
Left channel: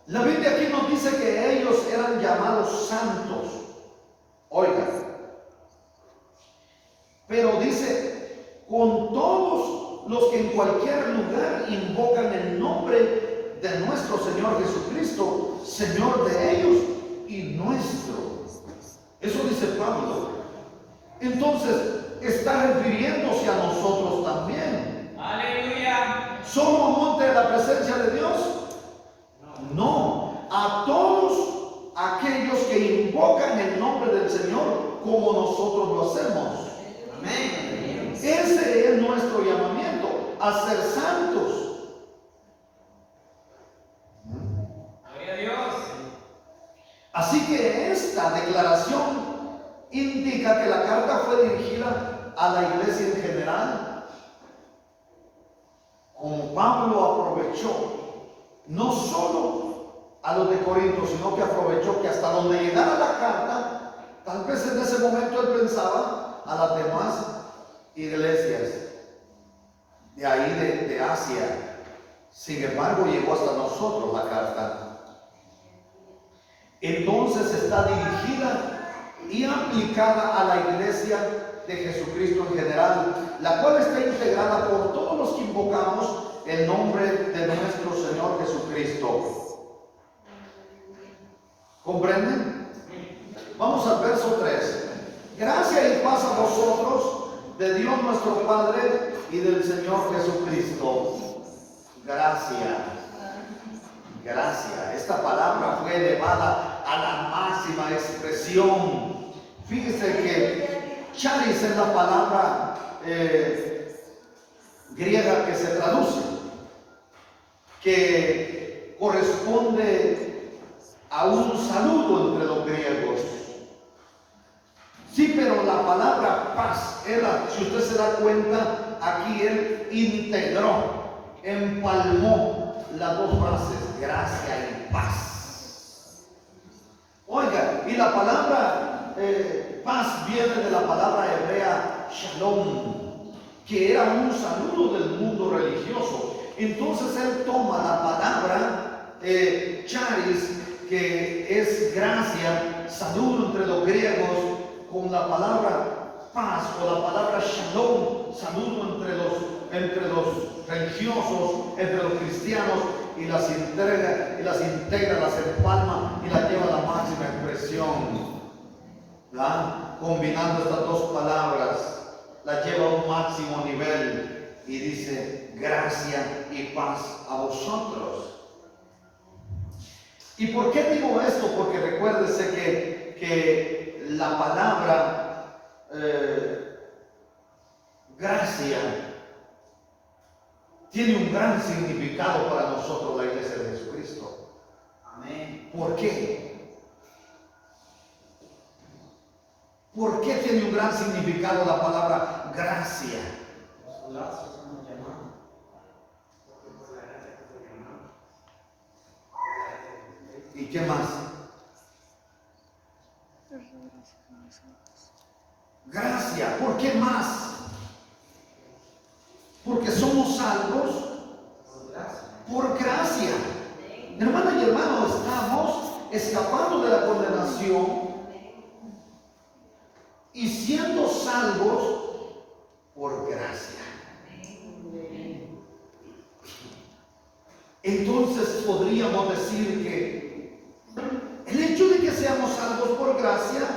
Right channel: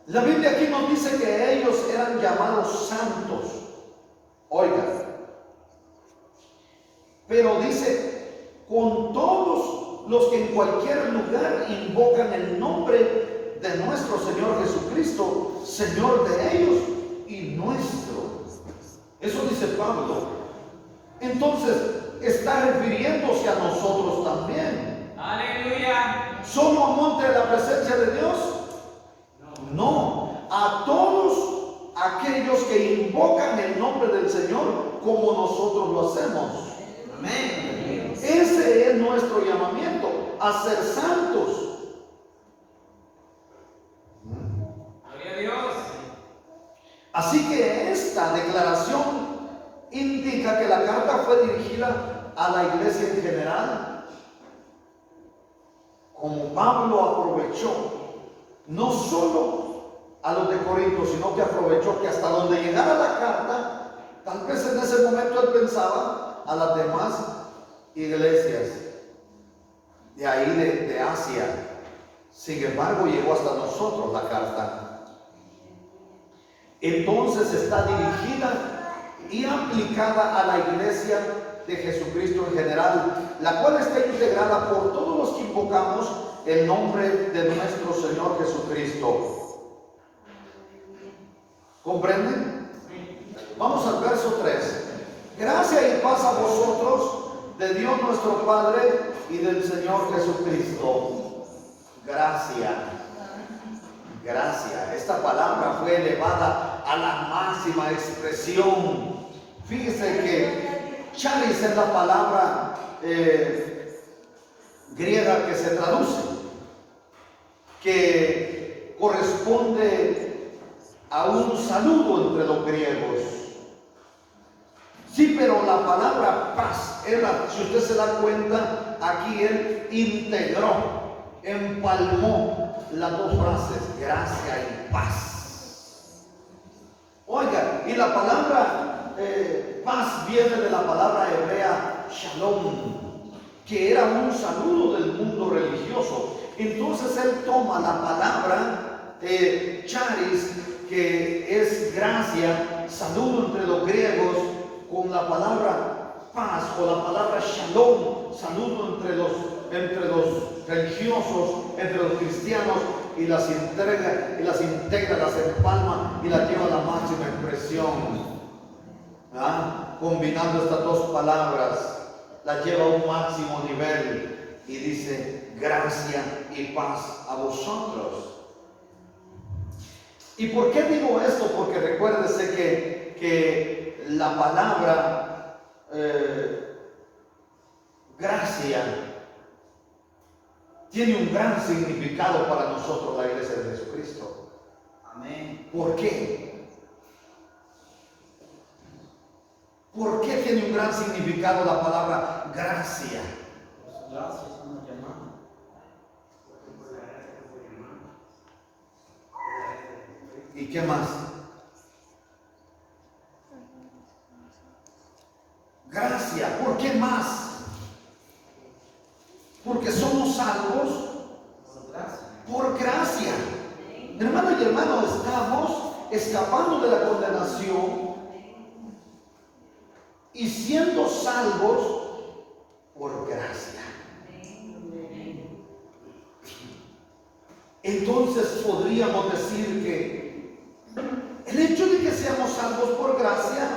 La Biblia aquí nos dice que ellos eran llamados santos. Oiga, pero dice, con todos los que en cualquier lugar invocan el nombre de nuestro Señor Jesucristo, Señor de ellos y nuestro. Eso dice Pablo. Entonces, está refiriéndose a nosotros también. Aleluya. ¿Somos monte de la presencia de Dios? No, a todos aquellos que invocan el nombre del Señor como nosotros lo hacemos. Amén. Ese es nuestro llamamiento, a ser santos. Gloria a Dios. Así que esta declaración indica que la carta fue dirigida a la iglesia en general. Como Pablo aprovechó no solo a los de Corinto, sino que aprovechó que hasta donde llegara la carta, tal vez en ese momento él pensaba a las demás iglesias de ahí de Asia. Sin embargo, llegó hasta nosotros la carta. Entonces está dirigida y aplicada a la iglesia de Jesucristo en general, la cual está integrada por todos los que invocamos el nombre de nuestro Señor Jesucristo. ¿Comprenden? Vamos al verso 3. Gracia y paz a vosotros, de Dios nuestro Padre y del Señor Jesucristo. Gracia. Gracia. Esta palabra fue elevada a la máxima expresión. Fíjese que charis es la palabra griega que se traduce. que corresponde a un saludo entre los griegos. Sí, pero la palabra paz, si usted se da cuenta, aquí él integró, empalmó las dos frases, gracia y paz. Oiga, y la palabra paz viene de la palabra hebrea shalom, que era un saludo del mundo religioso. Entonces él toma la palabra charis, que es gracia, saludo entre los griegos, con la palabra paz o la palabra shalom, saludo entre los religiosos, entre los cristianos, y las integra, las empalma y las lleva a la máxima expresión. Combinando estas dos palabras, las lleva a un máximo nivel y dice gracia y paz a vosotros. ¿Y por qué digo esto? Porque recuérdese que la palabra gracia tiene un gran significado para nosotros, la iglesia de Jesucristo. Amén. ¿Por qué? ¿Por qué tiene un gran significado la palabra gracia? ¿Y qué más? Gracia. ¿Por qué más? Porque somos salvos por gracia. Hermano y hermano, estamos escapando de la condenación y siendo salvos por gracia. Entonces podríamos decir que el hecho de que seamos salvos por gracia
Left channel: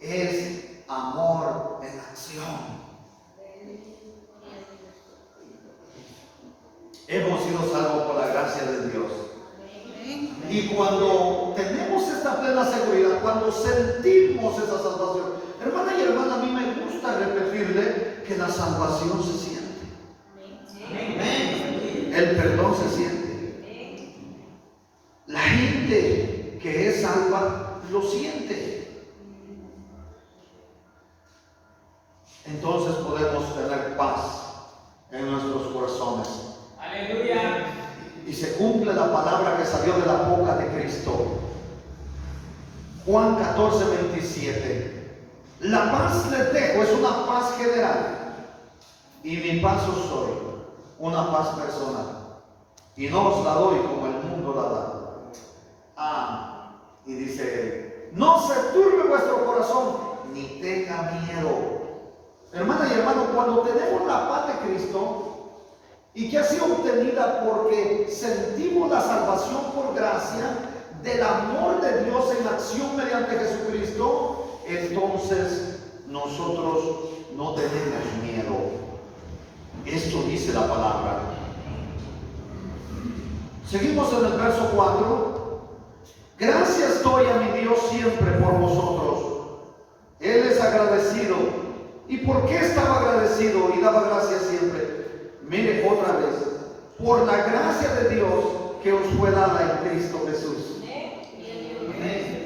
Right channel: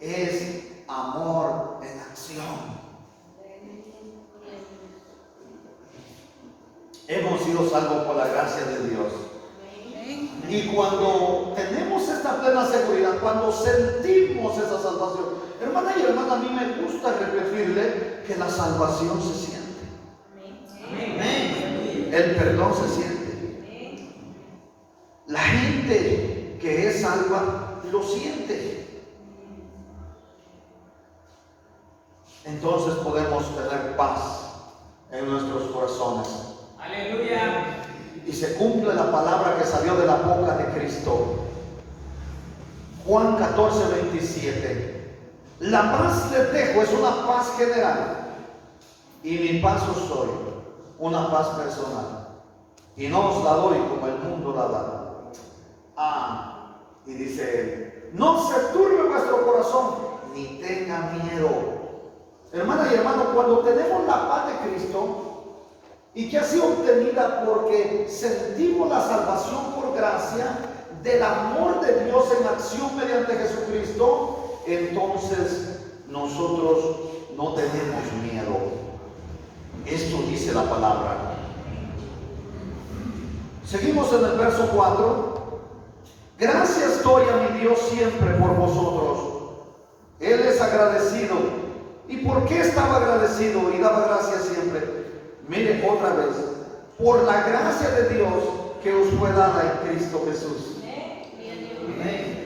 es amor en acción. Hemos sido salvos por la gracia de Dios. Y cuando tenemos esta plena seguridad, cuando sentimos esa salvación, hermana y hermana, a mí me gusta repetirle que la salvación se siente. Amén. El perdón se siente. La gente que es salva lo siente. Entonces podemos tener paz en nuestros corazones. Aleluya. Y se cumple la palabra que salió de la boca de Cristo. Juan 14:27. La paz les dejo, es una paz general, y mi paz os doy, una paz personal, y no os la doy como el mundo la da. Y dice él, no se turbe vuestro corazón, ni tenga miedo. Hermana y hermano, cuando tenemos la paz de Cristo, y que ha sido obtenida porque sentimos la salvación por gracia del amor de Dios en acción mediante Jesucristo, entonces nosotros no tenemos miedo. Esto dice la palabra. Seguimos en el verso 4. Gracias doy a mi Dios siempre por vosotros. Él es agradecido. ¿Y por qué estaba agradecido y daba gracias siempre? Mire otra vez, por la gracia de Dios que os fue dada en Cristo Jesús. Amén.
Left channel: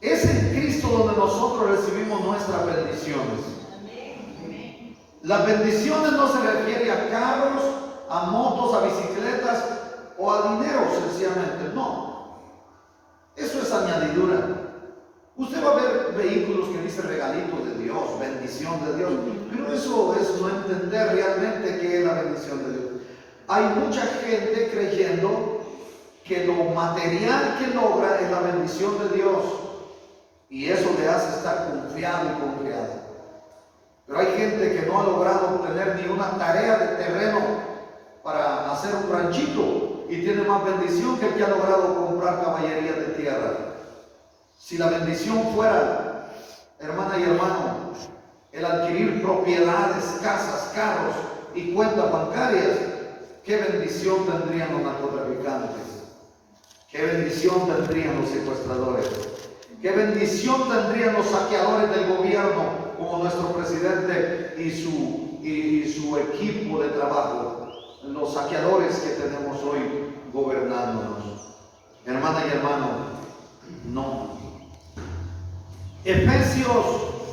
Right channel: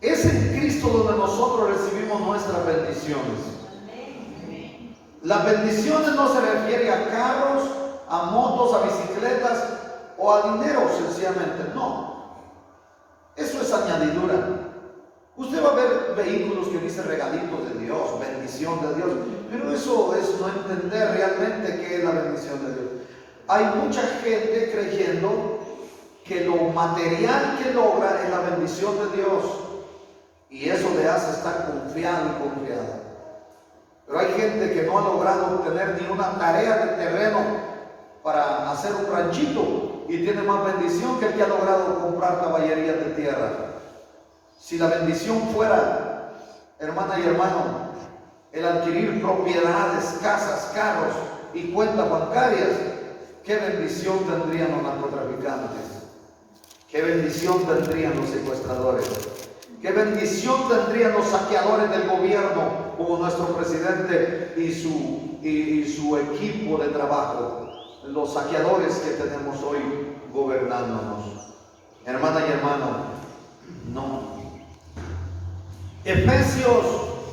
Es en Cristo donde nosotros recibimos nuestras bendiciones. Las bendiciones no se refieren a carros, a motos, a bicicletas o a dinero sencillamente. No, eso es añadidura. Usted va a ver vehículos que dicen regalitos de Dios, bendición de Dios, pero eso es no entender realmente qué es la bendición de Dios. Hay mucha gente creyendo que lo material que logra es la bendición de Dios, y eso le hace estar confiado y confiado. Pero hay gente que no ha logrado obtener ni una tarea de terreno para hacer un ranchito y tiene más bendición que el que ha logrado comprar caballerías de tierra. Si la bendición fuera, hermana y hermano, el adquirir propiedades, casas, carros y cuentas bancarias, qué bendición tendrían los narcotraficantes, qué bendición tendrían los secuestradores, qué bendición tendrían los saqueadores del gobierno como nuestro presidente y su equipo de trabajo. los saqueadores que tenemos hoy gobernándonos. Hermana y hermano, no. Efesios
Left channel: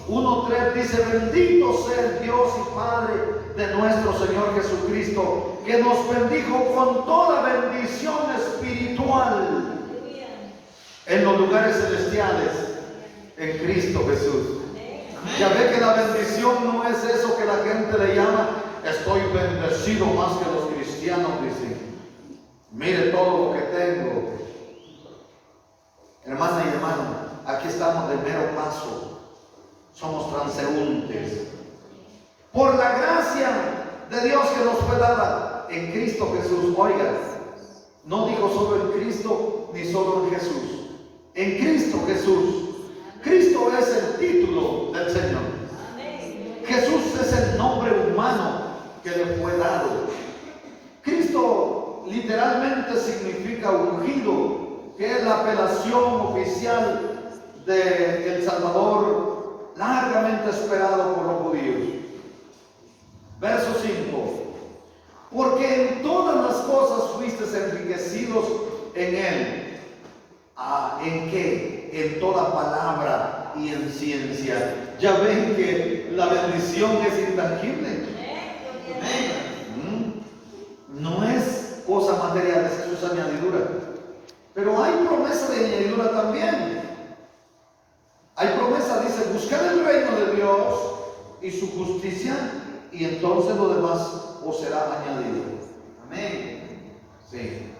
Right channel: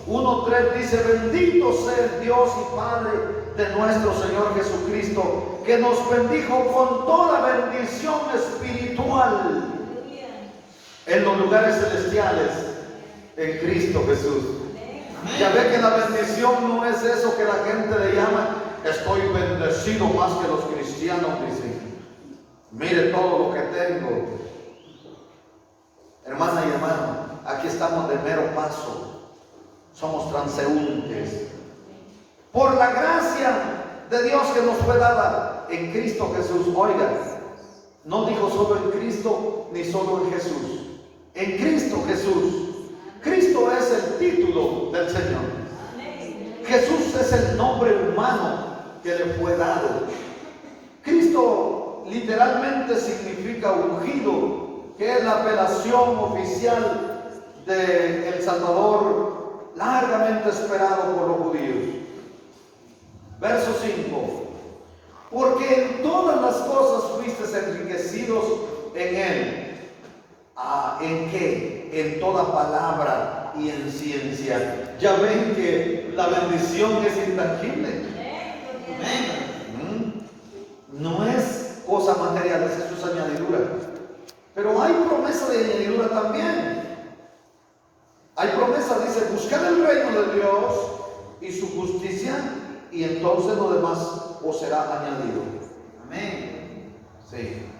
1:3 dice: bendito sea el Dios y Padre de nuestro Señor Jesucristo, que nos bendijo con toda bendición espiritual en los lugares celestiales en Cristo Jesús. Ya ve que la bendición no es eso que la gente le llama: estoy bendecido más que los cristianos, dicen. Mire todo lo que tengo. Hermana y hermano, aquí estamos de mero paso. Somos transeúntes. Por la gracia de Dios que nos fue dada en Cristo Jesús. Oiga, no digo solo en Cristo ni solo en Jesús. En Cristo Jesús. Cristo es el título del Señor. Jesús es el nombre humano que le fue dado. Cristo literalmente significa ungido, que es la apelación oficial de El Salvador, largamente esperado por los judíos. Verso 5: porque en todas las cosas fuisteis enriquecidos en Él. ¿En qué? En toda palabra y en ciencia. Ya ven que la bendición es intangible. No es cosa material, es añadidura. Pero hay promesa de añadidura también. Hay promesa, dice: buscad el reino de Dios y su justicia, y entonces lo demás os será añadido. Amén. Sí.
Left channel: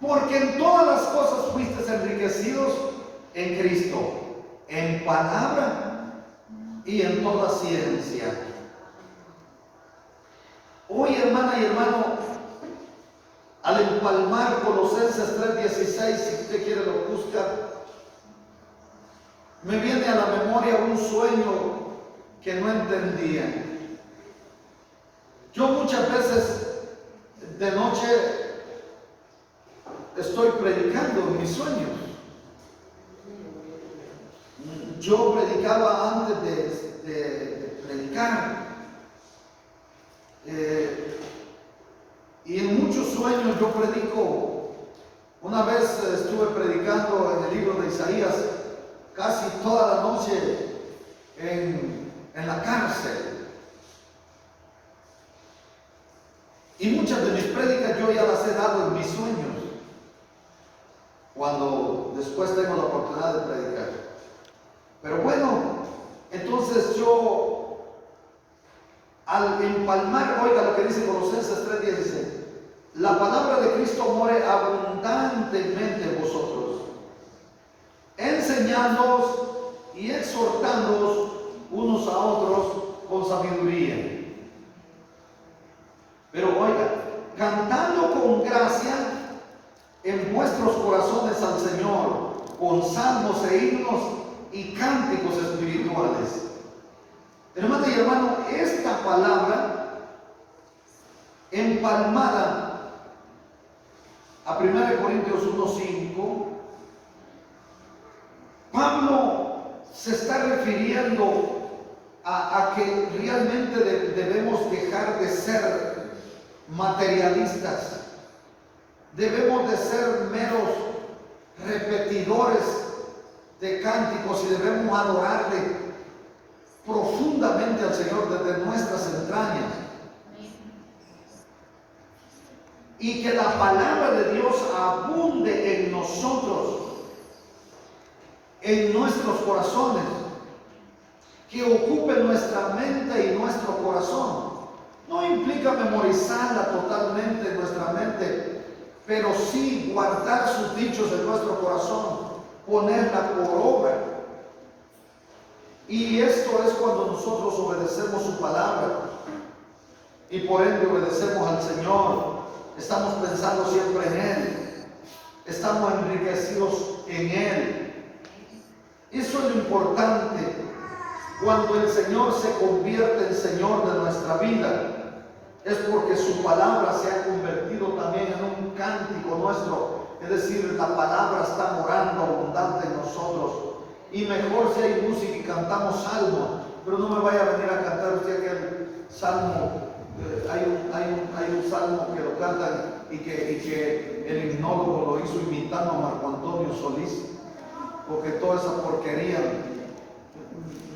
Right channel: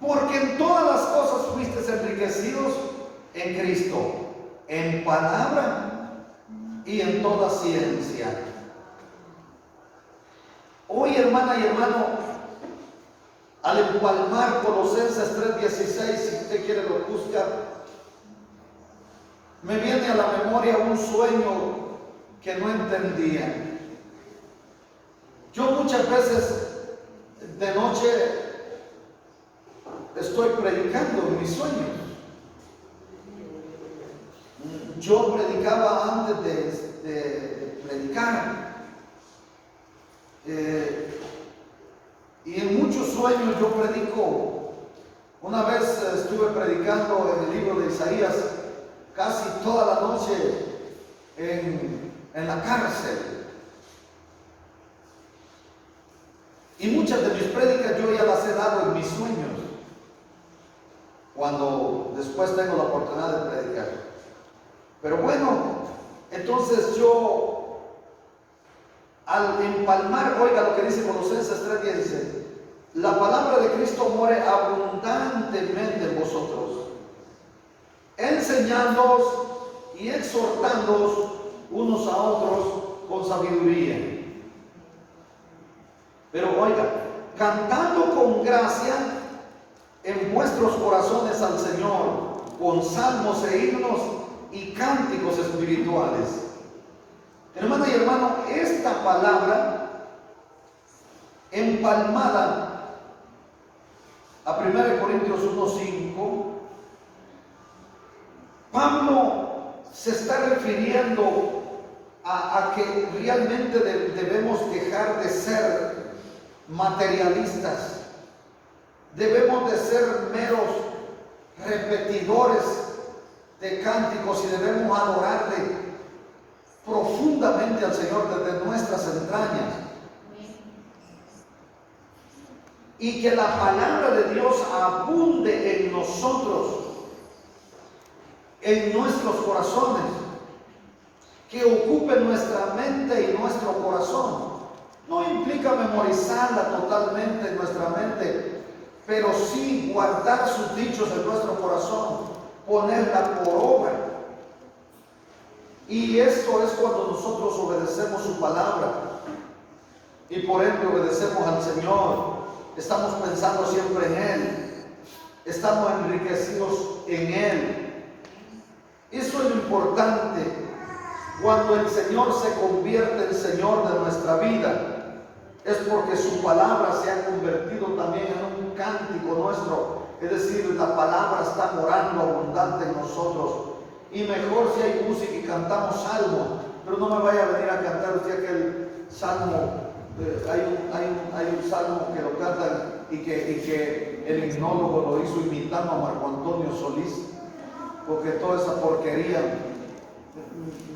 Porque en todas las cosas fuisteis enriquecidos en Cristo, en palabra y en toda ciencia. Hoy, hermana y hermano, al empalmar Colosenses 3:16, si usted quiere lo busca, me viene a la memoria un sueño que no entendía. Yo muchas veces de noche estoy predicando en mis sueños. Yo predicaba antes de predicar. Y en muchos sueños yo predico. Una vez estuve predicando en el libro de Isaías casi toda la noche en la cárcel. Y muchas de mis prédicas yo ya las he dado en mis sueños, cuando después tengo la oportunidad de predicar. Pero bueno, entonces yo, al empalmar, oiga lo que dice Colosenses 3:16: la palabra de Cristo more abundantemente en vosotros, enseñándoos y exhortándoos unos a otros con sabiduría. Pero oiga, cantando con gracia en vuestros corazones al Señor, con salmos e himnos y cánticos espirituales. Hermana y hermano, esta palabra empalmada a 1 Corintios 1:5, Pablo se está refiriendo a que realmente debemos dejar de ser materialistas. Debemos de ser meros repetidores de cánticos y debemos adorarle profundamente al Señor desde nuestras entrañas. Y que la palabra de Dios abunde en nosotros, en nuestros corazones, que ocupe nuestra mente y nuestro corazón. No implica memorizarla totalmente en nuestra mente, pero sí guardar sus dichos en nuestro corazón, ponerla por obra. Y esto es cuando nosotros obedecemos su palabra y por ende obedecemos al Señor. Estamos pensando siempre en Él, estamos enriquecidos en Él. Eso es lo importante. Cuando el Señor se convierte en Señor de nuestra vida, es porque su palabra se ha convertido también en un cántico nuestro. Es decir, la palabra está morando abundante en nosotros. y mejor si hay música y cantamos salmo, pero no me vaya a venir a cantar usted aquel salmo. Hay un salmo que lo cantan y que el himnólogo lo hizo imitando a Marco Antonio Solís, porque toda esa porquería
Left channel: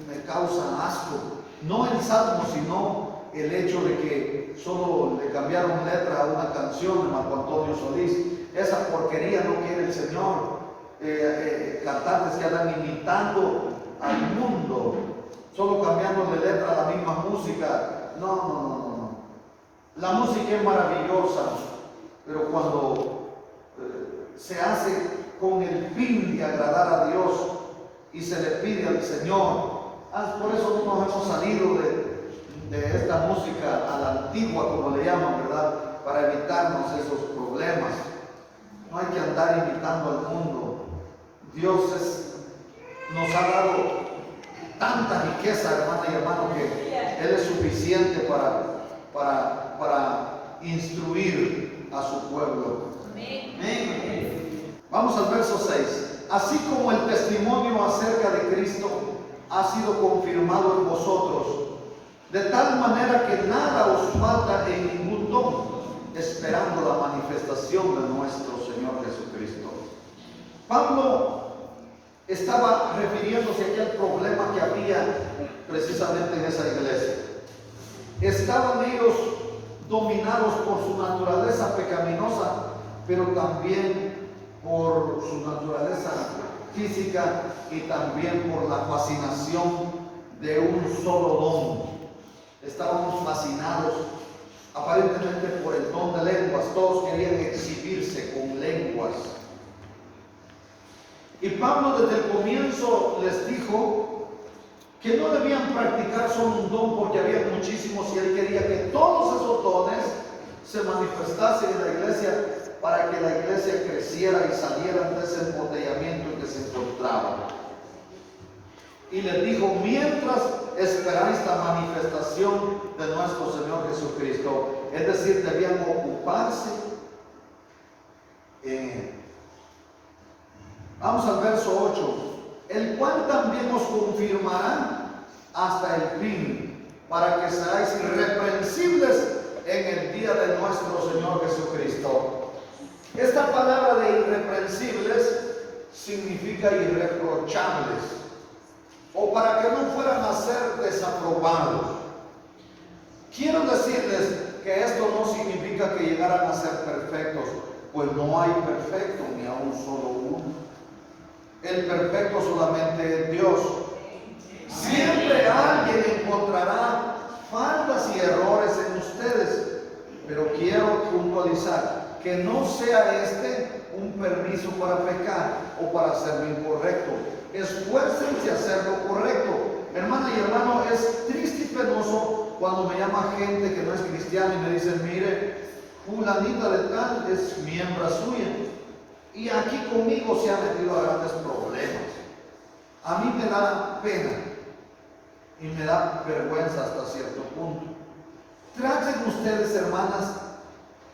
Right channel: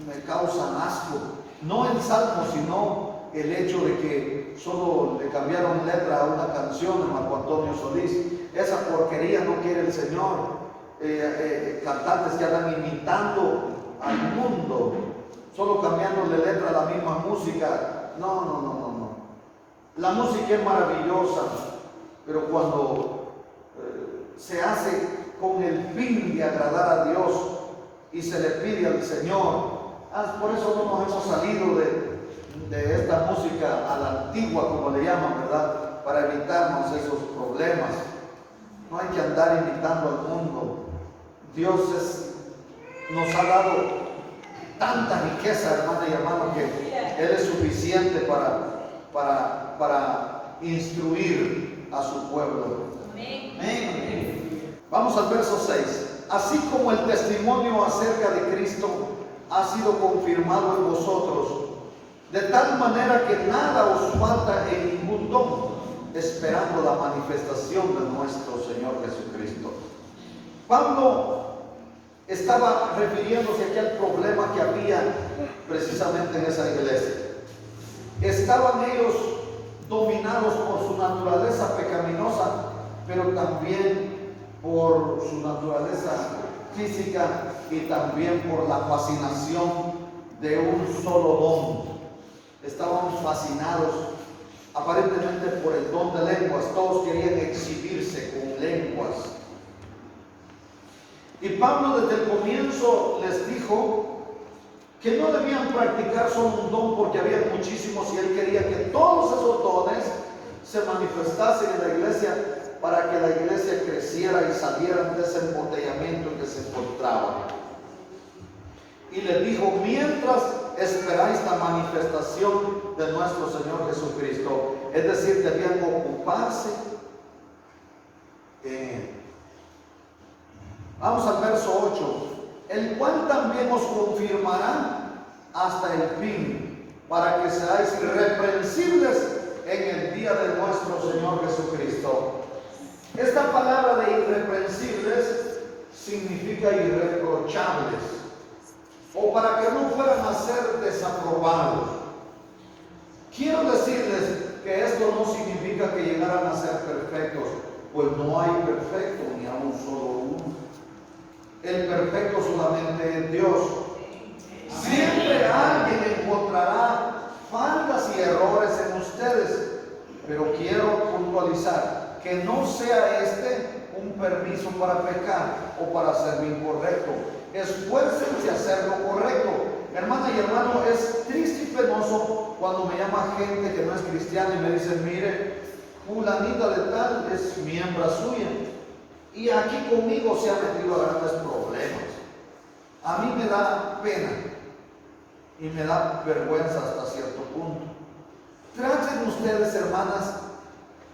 me causa asco. No el salmo, sino el hecho de que solo le cambiaron letra a una canción de Marco Antonio Solís. Esa porquería no quiere el Señor. Cantantes que andan imitando al mundo, solo cambiándole letra a la misma música. No. La música es maravillosa, pero cuando se hace con el fin de agradar a Dios y se le pide al Señor, por eso no nos hemos salido de esta música a la antigua, como le llaman, ¿verdad? Para evitarnos esos problemas. No hay que andar imitando al mundo. Dios nos ha dado tanta riqueza, hermana y hermano, que Él es suficiente para instruir a su pueblo. Amén. Vamos al verso 6. Así como el testimonio acerca de Cristo ha sido confirmado en vosotros, de tal manera que nada os falta en ningún don, esperando la manifestación de nuestro Señor Jesucristo. Pablo estaba refiriéndose a aquel problema que había precisamente en esa iglesia. Estaban ellos dominados por su naturaleza pecaminosa, pero también por su naturaleza física y también por la fascinación de un solo don. Estábamos fascinados aparentemente por el don de lenguas. Todos querían exhibirse con lenguas. Y Pablo desde el comienzo les dijo que no debían practicar solo un don, porque había muchísimos y él quería que todos esos dones se manifestasen en la iglesia para que la iglesia creciera y salieran de ese embotellamiento en que se encontraban. Y les dijo: mientras esperáis la manifestación de nuestro Señor Jesucristo, es decir, debían ocuparse en Él. Vamos al verso 8. El cual también os confirmará hasta el fin, para que seáis irreprensibles en el día de nuestro Señor Jesucristo. Esta palabra de irreprensibles significa irreprochables, o para que no fueran a ser desaprobados. Quiero decirles que esto no significa que llegaran a ser perfectos, pues no hay perfecto ni a un solo uno. El perfecto solamente es Dios. Siempre alguien encontrará faltas y errores en ustedes, pero quiero puntualizar que no sea este un permiso para pecar o para hacer lo incorrecto. Esfuércense a hacer lo correcto. Hermana y hermano, es triste y penoso cuando me llama gente que no es cristiana y me dice: mire, fulanita de tal es miembro suya y aquí conmigo se ha metido a grandes problemas. A mí me da pena y me da vergüenza hasta cierto punto. Traten ustedes, hermanas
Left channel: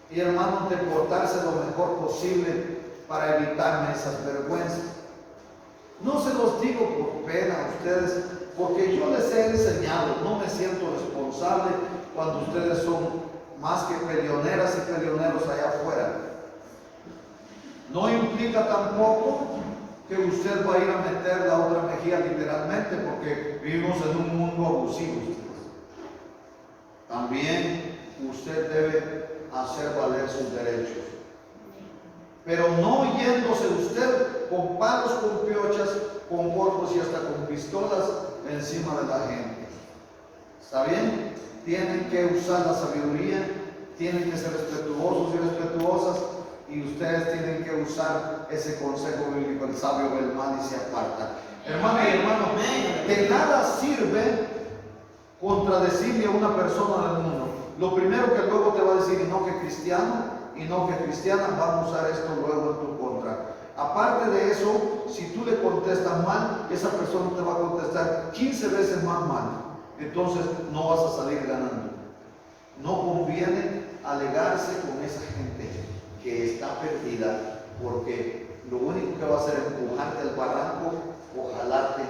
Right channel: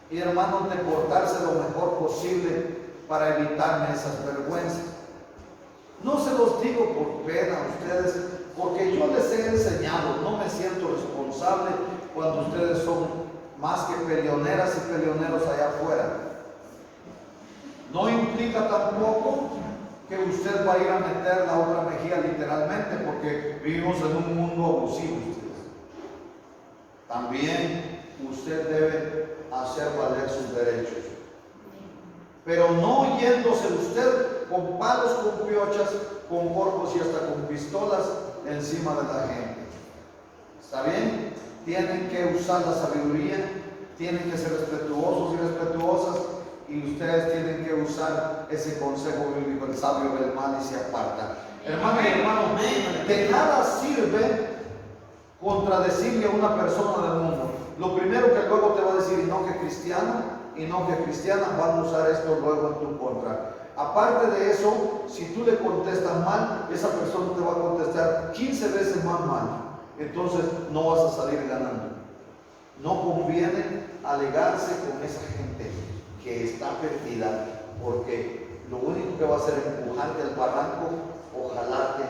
y hermanos, de portarse lo mejor posible para evitarme esas vergüenzas. No se los digo por pena a ustedes, porque yo les he enseñado. No me siento responsable cuando ustedes son más que peleoneras y peleoneros allá afuera. No implica tampoco que usted va a ir a meter la otra mejilla literalmente, porque vivimos en un mundo abusivo. También usted debe hacer valer sus derechos, pero no yéndose usted con palos, con piochas, con golpes y hasta con pistolas encima de la gente. ¿Está bien? Tienen que usar la sabiduría, tienen que ser respetuosos y respetuosas, y ustedes tienen que usar ese consejo bíblico: el sabio ve el mal y se aparta. Hermano y hermano, de nada sirve contradecirle a una persona del mundo. Lo primero que luego te va a decir: y no que cristiano, y no que cristiana, van a usar esto luego en tu contra. Aparte de eso, si tú le contestas mal, esa persona te va a contestar 15 veces más mal. Entonces no vas a salir ganando. No conviene alegarse con esa gente que está perdida, porque lo único que va a hacer es empujarte al barranco o jalarte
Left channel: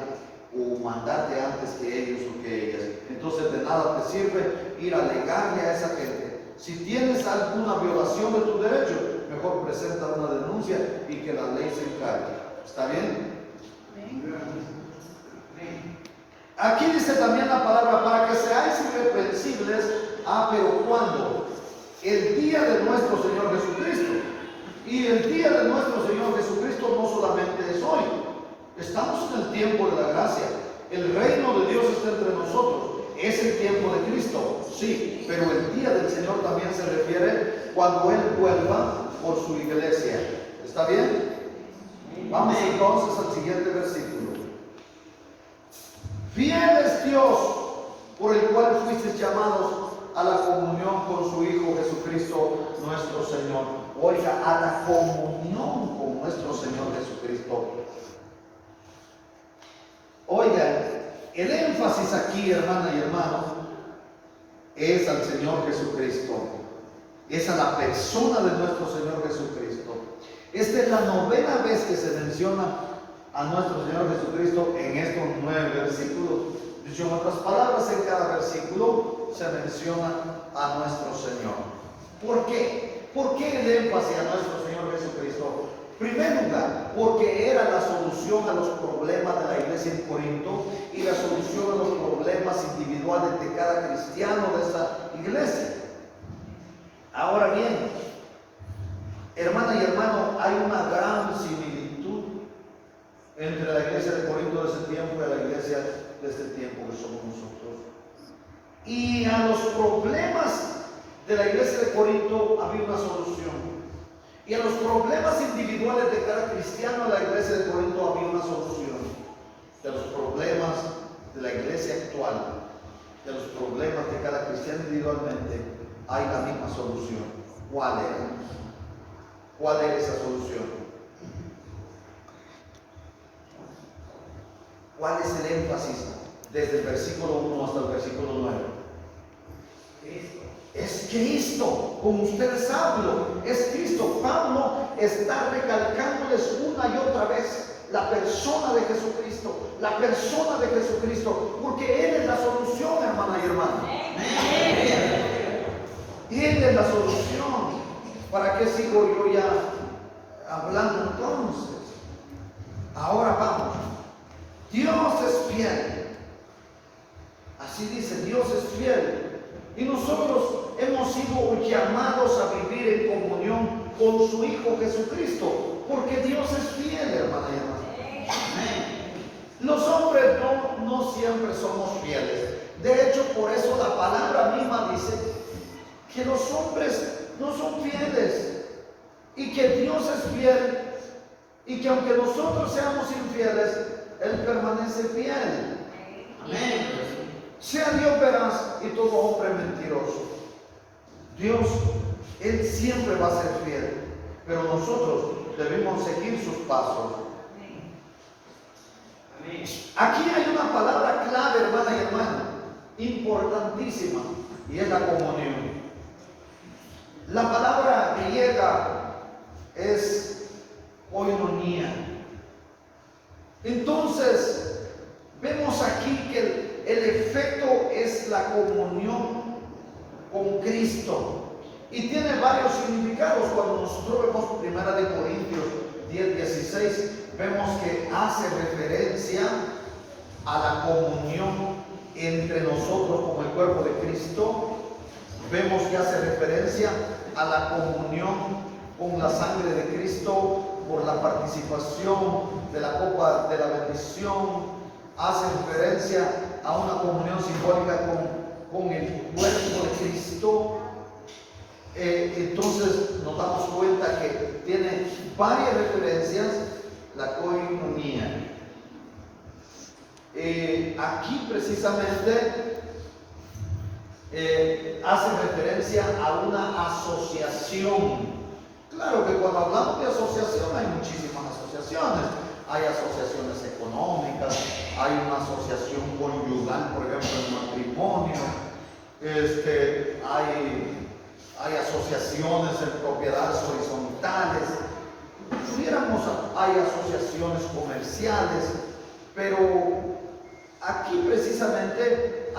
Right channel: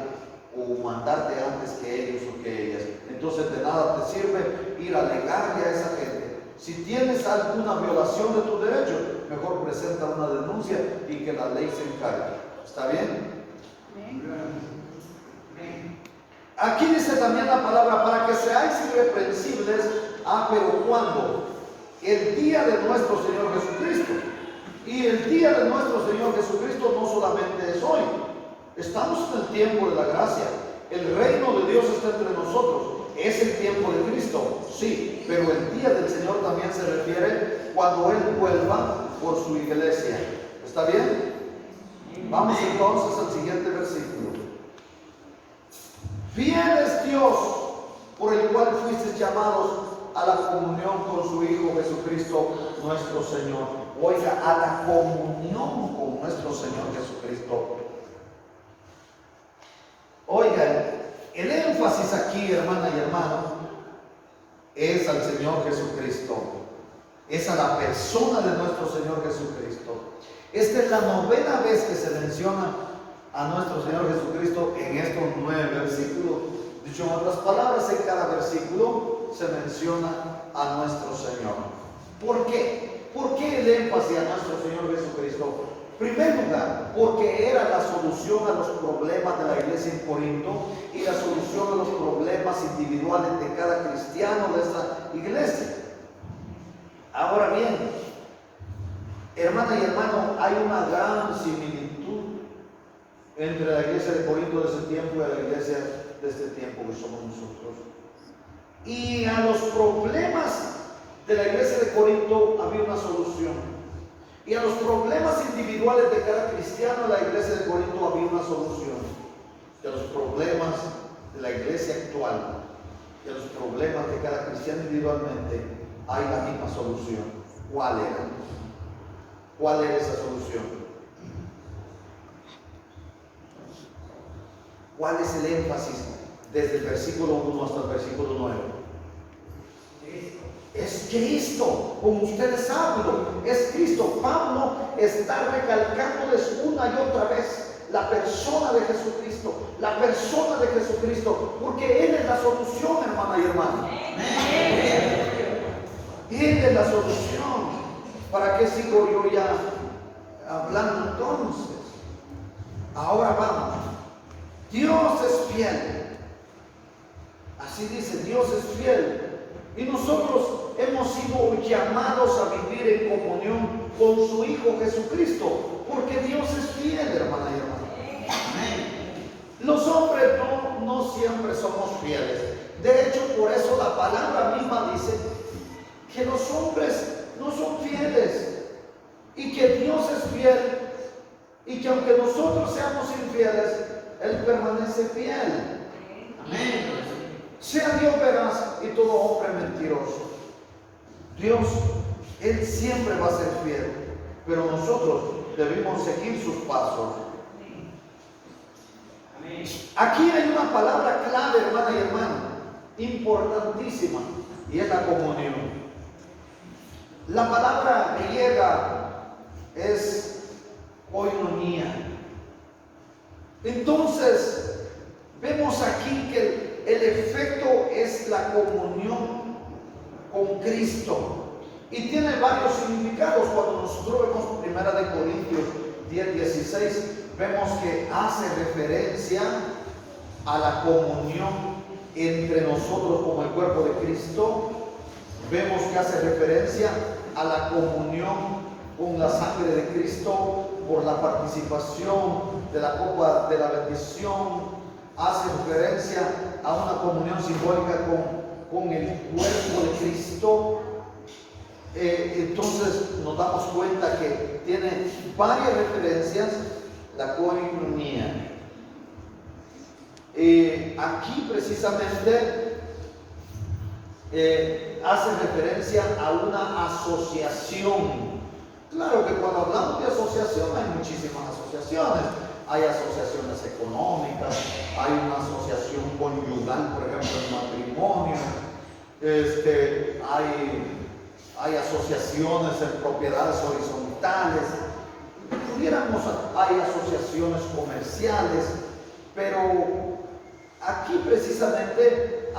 o mandarte antes que ellos o que ellas. Entonces de nada te sirve ir a alegarle a esa gente. Si tienes alguna violación de tu derecho, mejor presenta una denuncia y que la ley se encargue. ¿Está bien? Aquí dice también la palabra, para que seáis irreprensibles, pero ¿cuándo? El día de nuestro Señor Jesucristo. Y el día de nuestro Señor Jesucristo no solamente es hoy. Estamos en el tiempo de la gracia. El reino de Dios está entre nosotros. Es el tiempo de Cristo, sí, pero el día del Señor también se refiere cuando Él vuelva por su iglesia. ¿Está bien? Vamos entonces al siguiente versículo. Fiel es Dios, por el cual fuisteis llamados a la comunión con su Hijo Jesucristo nuestro Señor. Oiga, a la comunión con nuestro Señor Jesucristo. Oiga, el énfasis aquí, hermana y hermano, es al Señor Jesucristo. Es a la persona de nuestro Señor Jesucristo. Esta es la 9ª vez que se menciona a nuestro Señor Jesucristo en estos 9 versículos. Dicho en otras palabras, en cada versículo se menciona a nuestro Señor. ¿Por qué? ¿Por qué el énfasis a nuestro Señor Jesucristo? En primer lugar, porque era la solución a los problemas de la iglesia en Corinto y la solución a los problemas individuales de cada cristiano de esta iglesia. Ahora bien, hermana y hermano, hay una gran similitud entre la iglesia de Corinto de ese tiempo y la iglesia de este tiempo que somos nosotros. Y a los problemas de la iglesia de Corinto había una solución. Y a los problemas individuales de cada cristiano de la iglesia de Corinto había una solución. Y a los problemas de la iglesia actual y a los problemas de cada cristiano individualmente hay la misma solución. ¿Cuál era? ¿Cuál era esa solución? ¿Cuál es el énfasis desde el versículo 1 hasta el versículo 9? Es Cristo, como ustedes hablo, es Cristo. Pablo está recalcándoles una y otra vez la persona de Jesucristo, la persona de Jesucristo, porque Él es la solución, hermana y hermano. Él es la solución. ¿Para qué sigo yo ya hablando entonces? Ahora vamos. Dios es fiel. Así dice, Dios es fiel. Y nosotros hemos sido llamados a vivir en comunión con su Hijo Jesucristo, porque Dios es fiel, hermana y hermano. Los hombres no siempre somos fieles. De hecho, por eso la palabra misma dice que los hombres no son fieles y que Dios es fiel y que aunque nosotros seamos infieles, Él permanece fiel. Amén. Sea Dios veraz y todo hombre mentiroso. Dios, Él siempre va a ser fiel, pero nosotros debemos seguir sus pasos. Aquí hay una palabra clave, hermana y hermano, importantísima, y es la comunión. La palabra griega es koinonia. Entonces, vemos aquí que el efecto es la comunión con Cristo y tiene varios significados. Cuando nosotros vemos 1 Corintios 10:16, vemos que hace referencia a la comunión entre nosotros con el cuerpo de Cristo. Vemos que hace referencia a la comunión con la sangre de Cristo por la participación de la copa de la bendición. Hace referencia a una comunión simbólica con el cuerpo de Cristo. Entonces nos damos cuenta que tiene varias referencias la koinonia. Aquí precisamente hace referencia a una asociación. Claro que cuando hablamos de asociación hay muchísimas asociaciones. Hay asociaciones económicas, hay una asociación conyugal, por ejemplo, en matrimonio, hay asociaciones en propiedades horizontales, hay asociaciones comerciales, Pero aquí precisamente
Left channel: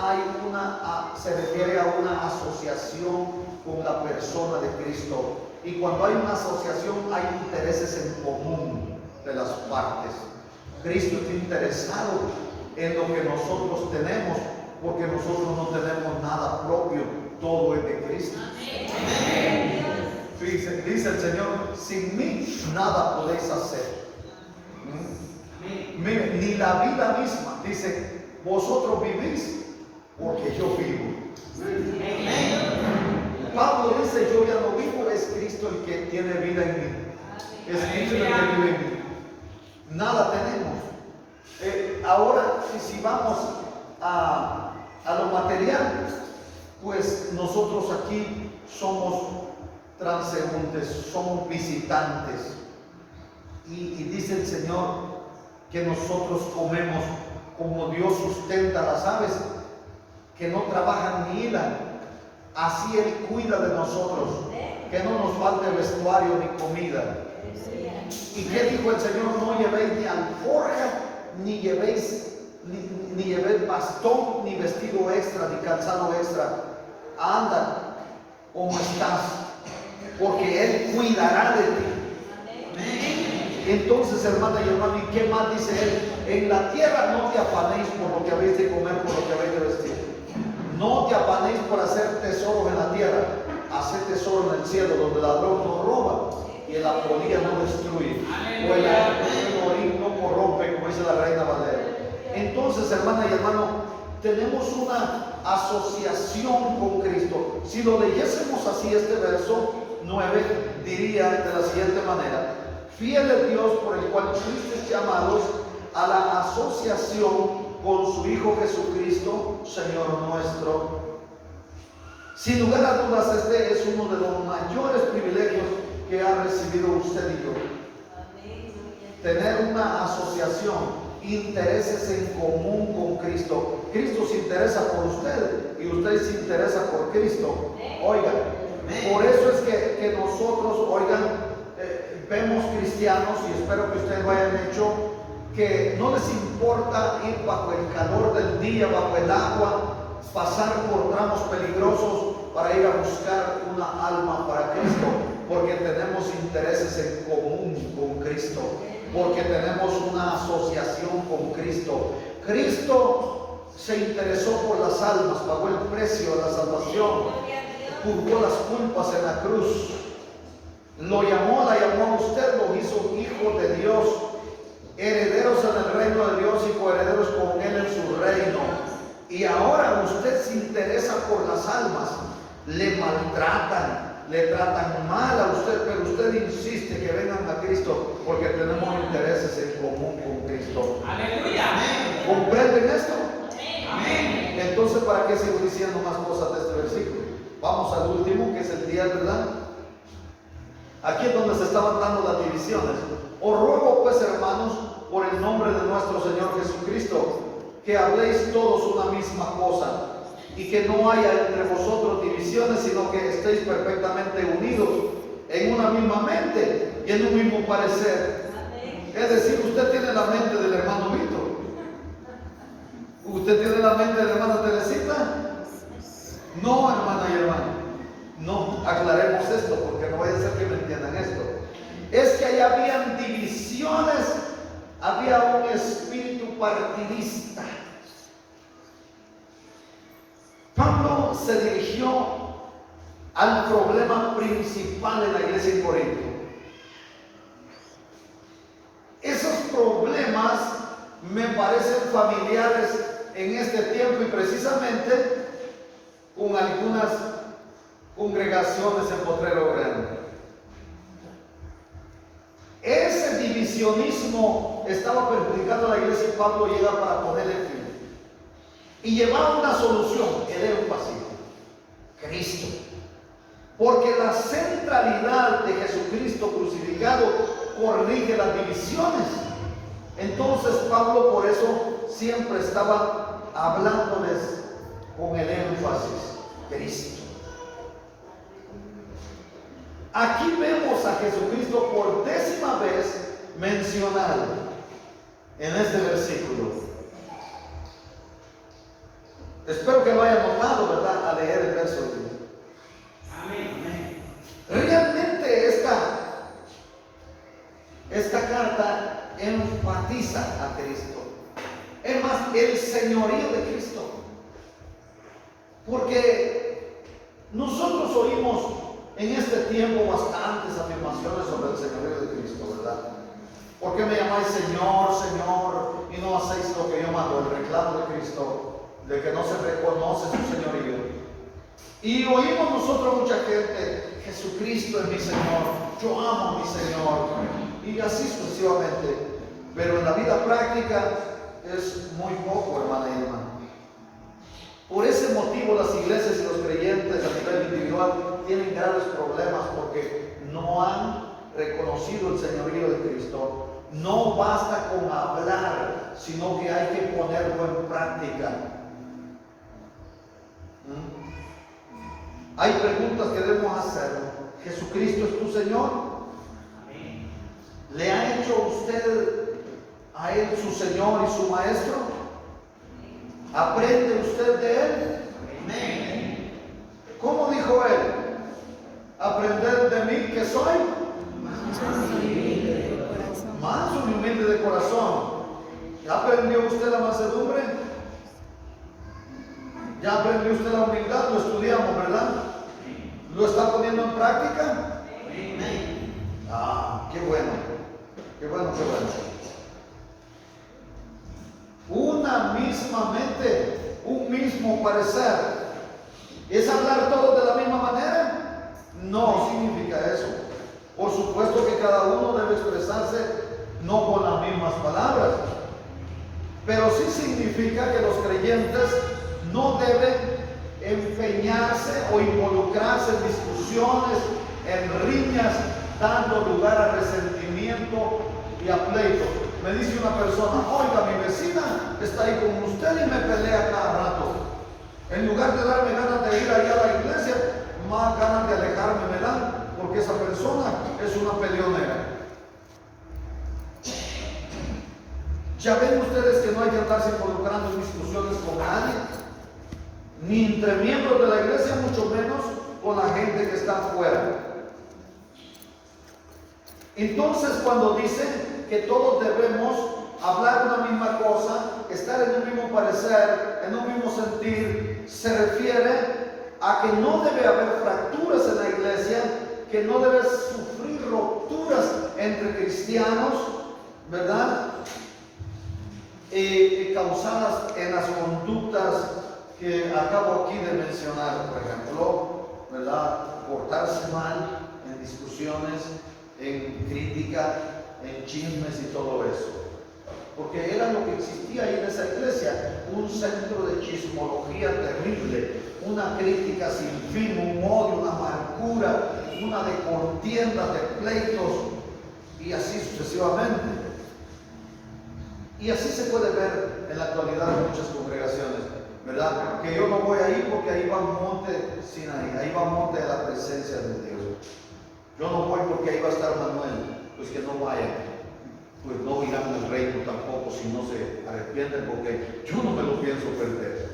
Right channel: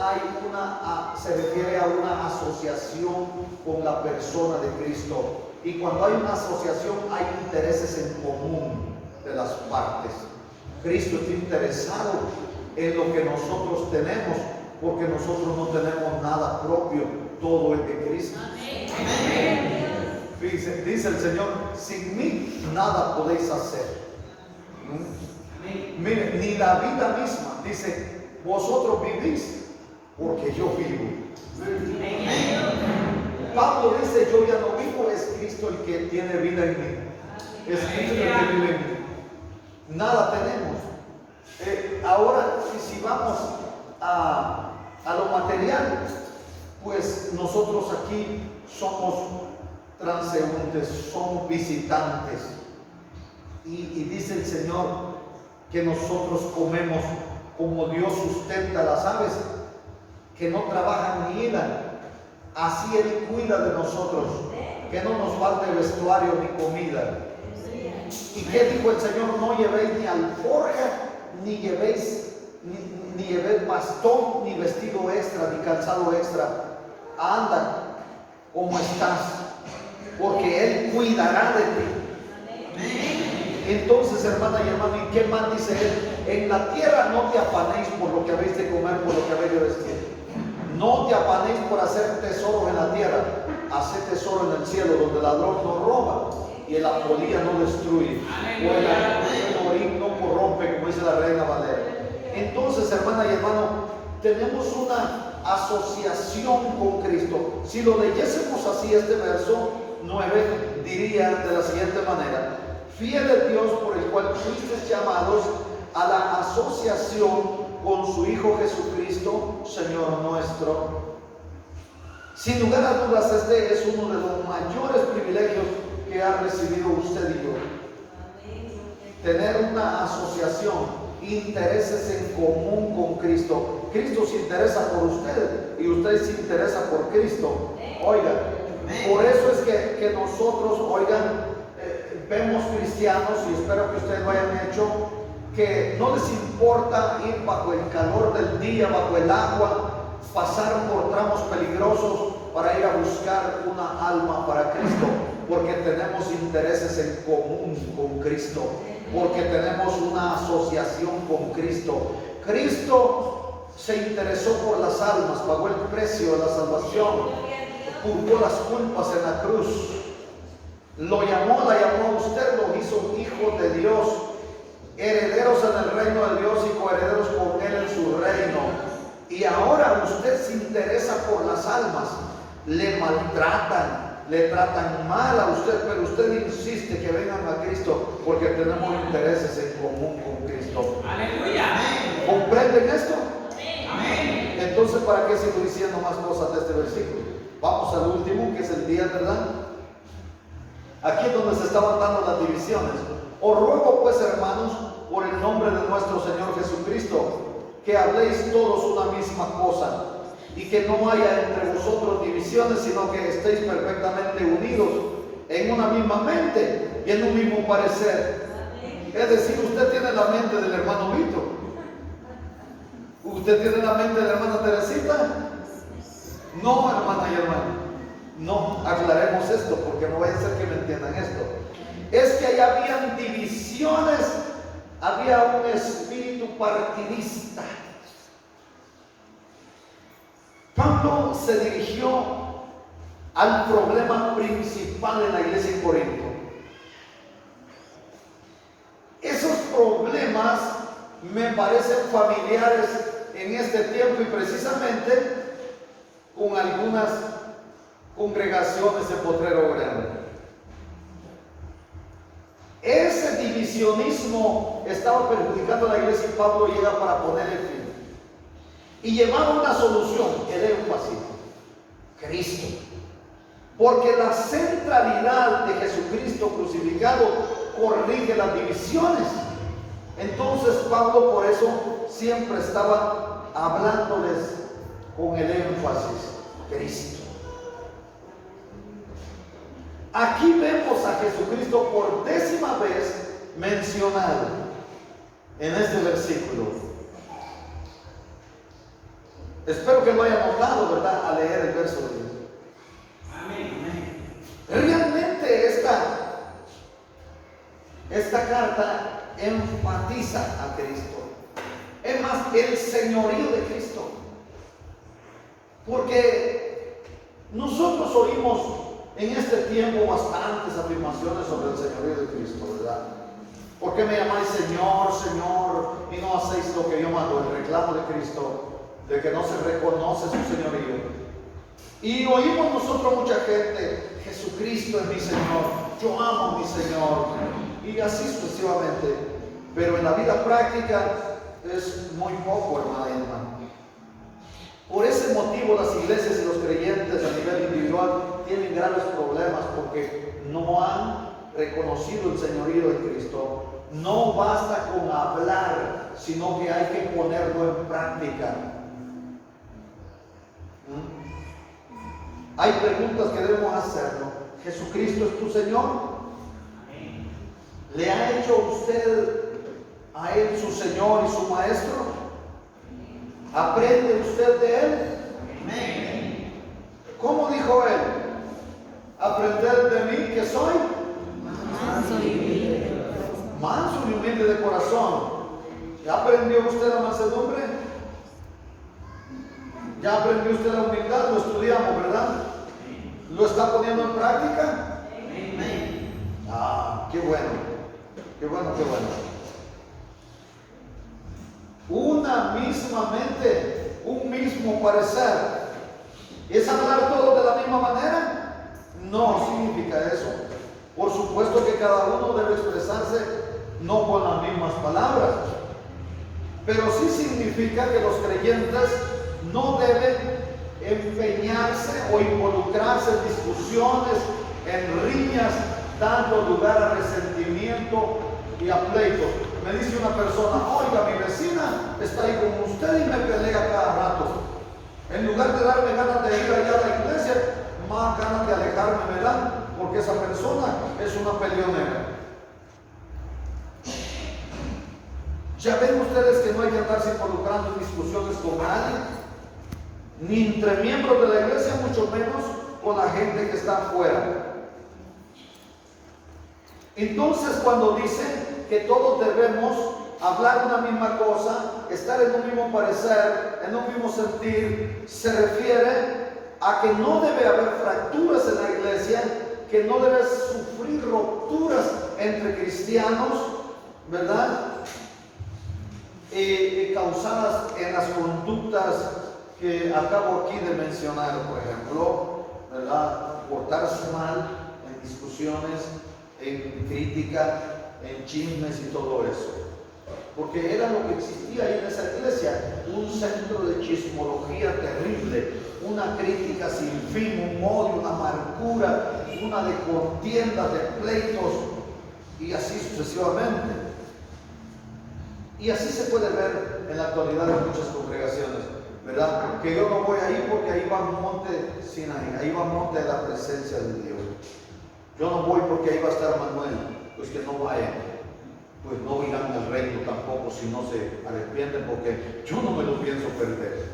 se refiere a una asociación con la persona de Cristo. Y cuando hay una asociación hay intereses en común de las partes. Cristo está interesado en lo que nosotros tenemos, porque nosotros no tenemos nada propio, todo es de Cristo. Dice el Señor, sin mí nada podéis hacer. Miren, ni la vida misma, dice, vosotros vivís porque yo vivo. Pablo dice, yo ya no vivo, es Cristo el que tiene vida en mí. Es Cristo el que vive en mí. Nada tenemos. Ahora, si vamos a lo material, pues nosotros aquí somos transeúntes, somos visitantes. Y dice el Señor que nosotros comemos como Dios sustenta a las aves, que no trabajan ni hilan. Así Él cuida de nosotros, que no nos falte vestuario ni comida. ¿Y qué dijo el Señor? No llevéis ni alforja, ni llevéis bastón, ni vestido extra, ni calzado extra. Anda como estás, porque Él cuidará de ti. Entonces, hermana y hermano, ¿y qué más dice Él? En la tierra no te afanéis por lo que habéis de comer, por lo que habéis de vestir. No te afanéis por hacer tesoros en la tierra. Haced tesoro en el cielo, donde el ladrón no roba y la polilla no destruye, o el orín no corrompe, como dice la Reina Valera. Entonces, hermana y hermano, tenemos una asociación con Cristo. Si lo leyésemos así, este verso 9 diría de la siguiente manera: fiel es Dios por el cual fuisteis llamados a la asociación con su Hijo Jesucristo, Señor nuestro. Sin lugar a dudas, este es uno de los mayores privilegios que ha recibido usted y yo. Tener una asociación, intereses en común con Cristo. Cristo se interesa por usted y usted se interesa por Cristo. Oigan, por eso es que nosotros, vemos cristianos, y espero que ustedes lo hayan hecho, que no les importa ir bajo el calor del día, bajo el agua, pasar por tramos peligrosos para ir a buscar una alma para Cristo, porque tenemos intereses en común con Cristo, porque tenemos una asociación con Cristo. Cristo se interesó por las almas, pagó el precio de la salvación, purgó las culpas en la cruz, la llamó a usted, lo hizo hijo de Dios, herederos en el reino de Dios y coherederos con Él en su reino. Y ahora usted se interesa por las almas. Le maltratan, le tratan mal a usted, pero usted insiste que vengan a Cristo porque tenemos intereses en común con Cristo. Aleluya. ¿Comprenden esto? Amén. Entonces, ¿para qué sigo diciendo más cosas de este versículo? Vamos al último, que es el día, ¿verdad? Aquí es donde se estaban dando las divisiones. Os ruego pues, hermanos, por el nombre de nuestro Señor Jesucristo, que habléis todos una misma cosa, y que no haya entre vosotros divisiones, sino que estéis perfectamente unidos en una misma mente y en un mismo parecer. Es decir, usted tiene la mente del hermano Víctor, usted tiene la mente de la hermana Teresita. No, hermana y hermano, no, aclaremos esto, porque no vaya a ser que me entiendan esto. Es que ahí habían divisiones, había un espíritu partidista. Pablo se dirigió al problema principal de la iglesia en Corinto. Esos problemas me parecen familiares en este tiempo, y precisamente con algunas congregaciones en Potrero Grande. Ese divisionismo estaba perjudicando a la iglesia, y Pablo llega para ponerle fin. Y llevaba una solución, el énfasis: Cristo. Porque la centralidad de Jesucristo crucificado corrige las divisiones. Entonces Pablo por eso siempre estaba hablándoles con el énfasis: Cristo. Aquí vemos a Jesucristo por 10ª vez mencionado en este versículo. Espero que lo haya notado, ¿verdad? Al leer el verso 10. Amén. Realmente esta carta enfatiza a Cristo. Es más, el señorío de Cristo. Porque nosotros oímos en este tiempo bastantes afirmaciones sobre el señorío de Cristo, ¿verdad? ¿Por qué me llamáis Señor, Señor, y no hacéis lo que yo mando? El reclamo de Cristo, de que no se reconoce su señorío. Y oímos nosotros mucha gente: Jesucristo es mi Señor, yo amo a mi Señor, y así sucesivamente. Pero en la vida práctica es muy poco, hermana y hermano. Por ese motivo las iglesias y los creyentes a nivel individual tienen graves problemas, porque no han reconocido el señorío de Cristo. No basta con hablar, sino que hay que ponerlo en práctica. Hay preguntas que debemos hacernos. ¿Jesucristo es tu Señor? ¿Le ha hecho usted a Él su Señor y su Maestro? ¿Aprende usted de Él? ¿Cómo dijo Él? Aprended de mí, que soy manso y humilde de corazón. ¿Ya aprendió usted la mansedumbre? ¿Ya aprendió usted la humildad? Lo estudiamos, ¿verdad? ¿Lo está poniendo en práctica? Ah, qué bueno. Qué bueno, qué bueno. Una misma mente, un mismo parecer. ¿Es hablar todos de la misma manera? No significa eso. Por supuesto que cada uno debe expresarse no con las mismas palabras, pero sí significa que los creyentes no deben empeñarse o involucrarse en discusiones, en riñas, dando lugar a resentimiento y a pleito. Me dice una persona: oiga, mi vecina está ahí con usted y me pelea cada rato. En lugar de darme ganas de ir allá a la iglesia, más ganas de alejarme me dan, porque esa persona es una peleonera. Ya ven ustedes que no hay que estarse involucrando en discusiones con nadie, ni entre miembros de la iglesia, mucho menos con la gente que está afuera. Entonces, cuando dicen que todos debemos hablar una misma cosa, estar en un mismo parecer, en un mismo sentir, se refiere a que no debe haber fracturas en la iglesia, que no debe sufrir rupturas entre cristianos, ¿verdad? Causadas en las conductas que acabo aquí de mencionar, por ejemplo, ¿verdad? Portarse mal en discusiones, en crítica, en chismes y todo eso. Porque era lo que existía ahí en esa iglesia, un centro de chismología terrible, una crítica sin fin, un odio, una amargura, una de contiendas, de pleitos, y así sucesivamente. Y así se puede ver en la actualidad en muchas congregaciones, ¿verdad? Que yo no voy ahí porque ahí va monte Sinaí, ahí va monte de la presencia de Dios. Yo no voy porque ahí va a estar Manuel. Pues que no vayan, pues no irán al reino tampoco si no se arrepienten, porque yo no me lo pienso perder.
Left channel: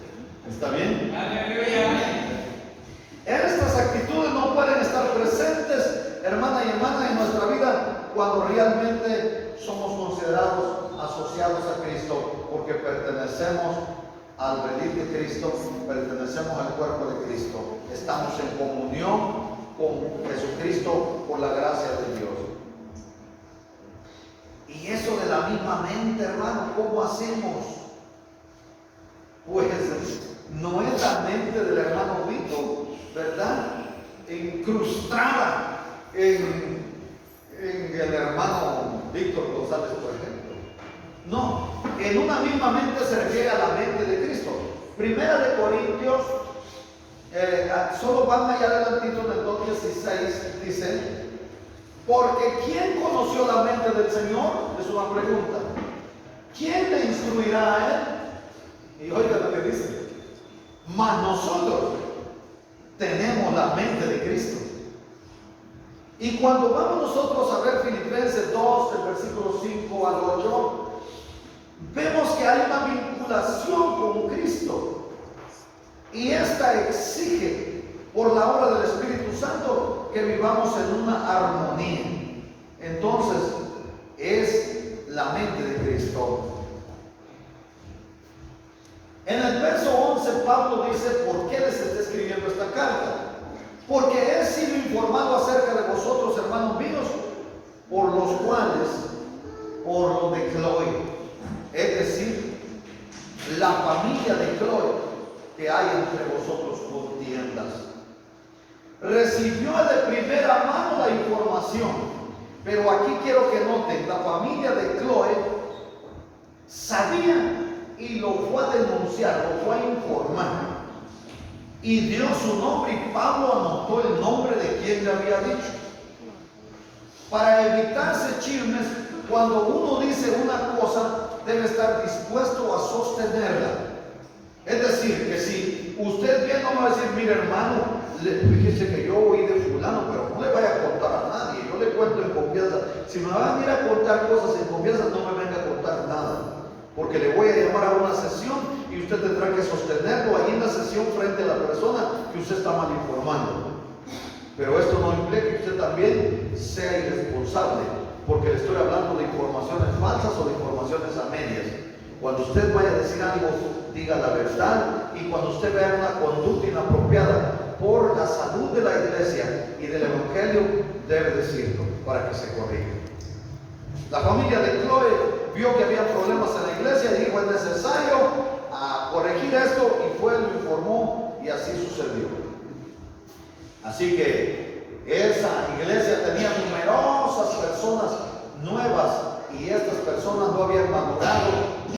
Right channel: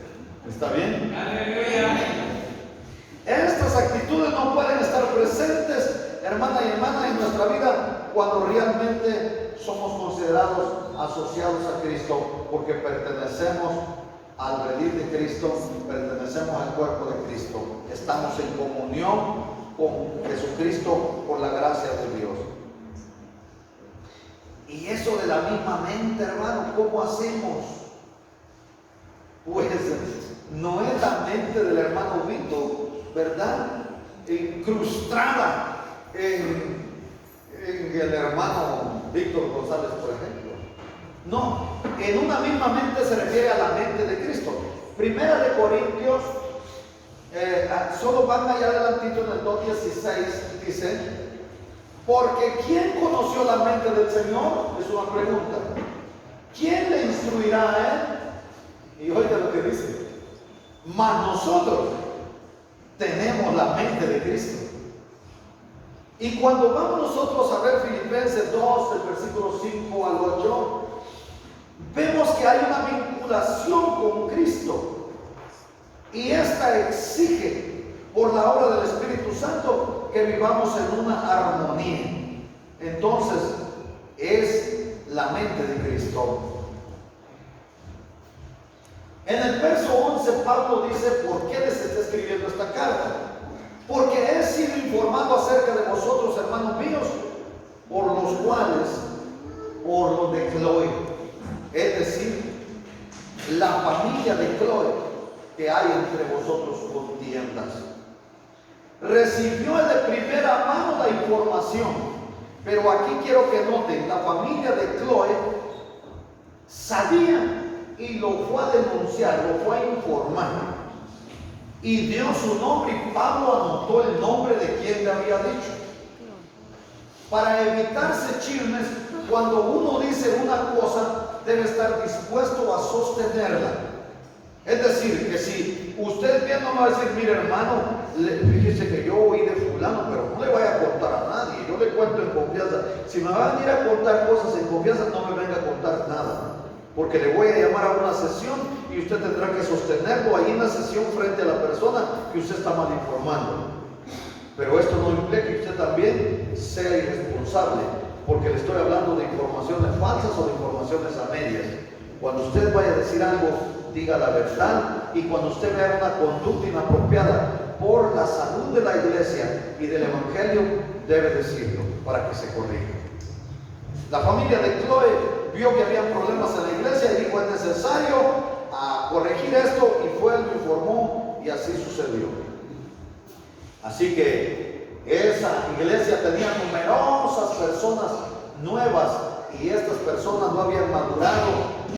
¿Está bien? ¡Aleluya! Estas actitudes no pueden estar presentes, hermana y hermana, en nuestra vida cuando realmente somos considerados asociados a Cristo, porque pertenecemos al redil de Cristo, pertenecemos al cuerpo de Cristo. Estamos en comunión con Jesucristo por la gracia de Dios. Y eso de la misma mente, hermano, ¿cómo hacemos? Pues no es la mente del hermano Víctor, ¿verdad? Incrustada en el hermano Víctor González, por ejemplo. No, en una misma mente se refiere a la mente de Cristo. Primera de Corintios, solo van allá adelantito en el 2:16, dice: porque ¿quién conoció la mente del Señor? Es una pregunta. ¿Quién le instruirá a Él? Y oiga lo que dice: mas nosotros tenemos la mente de Cristo. Y cuando vamos nosotros a ver Filipenses 2, el versículo 5 al 8, vemos que hay una vinculación con Cristo y esta exige por la obra del Espíritu Santo que vivamos en una armonía. Entonces es la mente de Cristo. En el verso 11 Pablo dice por qué les está escribiendo esta carta: porque he sido informado acerca de vosotros, hermanos míos, por los cuales, por los de Cloé, es decir, la familia de Cloé, que hay entre vosotros contiendas. Recibió de primera mano la información, pero aquí quiero que noten, la familia de Cloé sabía y lo fue a denunciar, lo fue a informar, y dio su nombre, y Pablo anotó el nombre de quien le había dicho. Para evitarse chismes, cuando uno dice una cosa, debe estar dispuesto a sostenerla. Es decir, que si usted bien no me va a decir: mire, hermano, fíjese que yo oí de fulano, pero no le vaya a contar a nadie, yo le cuento en confianza. Si me va a venir a contar cosas en confianza, no me venga a contar nada, porque le voy a llamar a una sesión y usted tendrá que sostenerlo ahí en la sesión frente a la persona que usted está mal informando. Pero esto no implica que usted también sea irresponsable, porque le estoy hablando de informaciones falsas o de informaciones a medias. Cuando usted vaya a decir algo, diga la verdad, y cuando usted vea una conducta inapropiada por la salud de la iglesia y del evangelio, debe decirlo para que se corrija. La familia de Cloé vio que había problemas en la iglesia y dijo: es necesario corregir esto, y fue, lo informó, y así sucedió. Así que esa iglesia tenía numerosas personas nuevas, y estas personas no habían madurado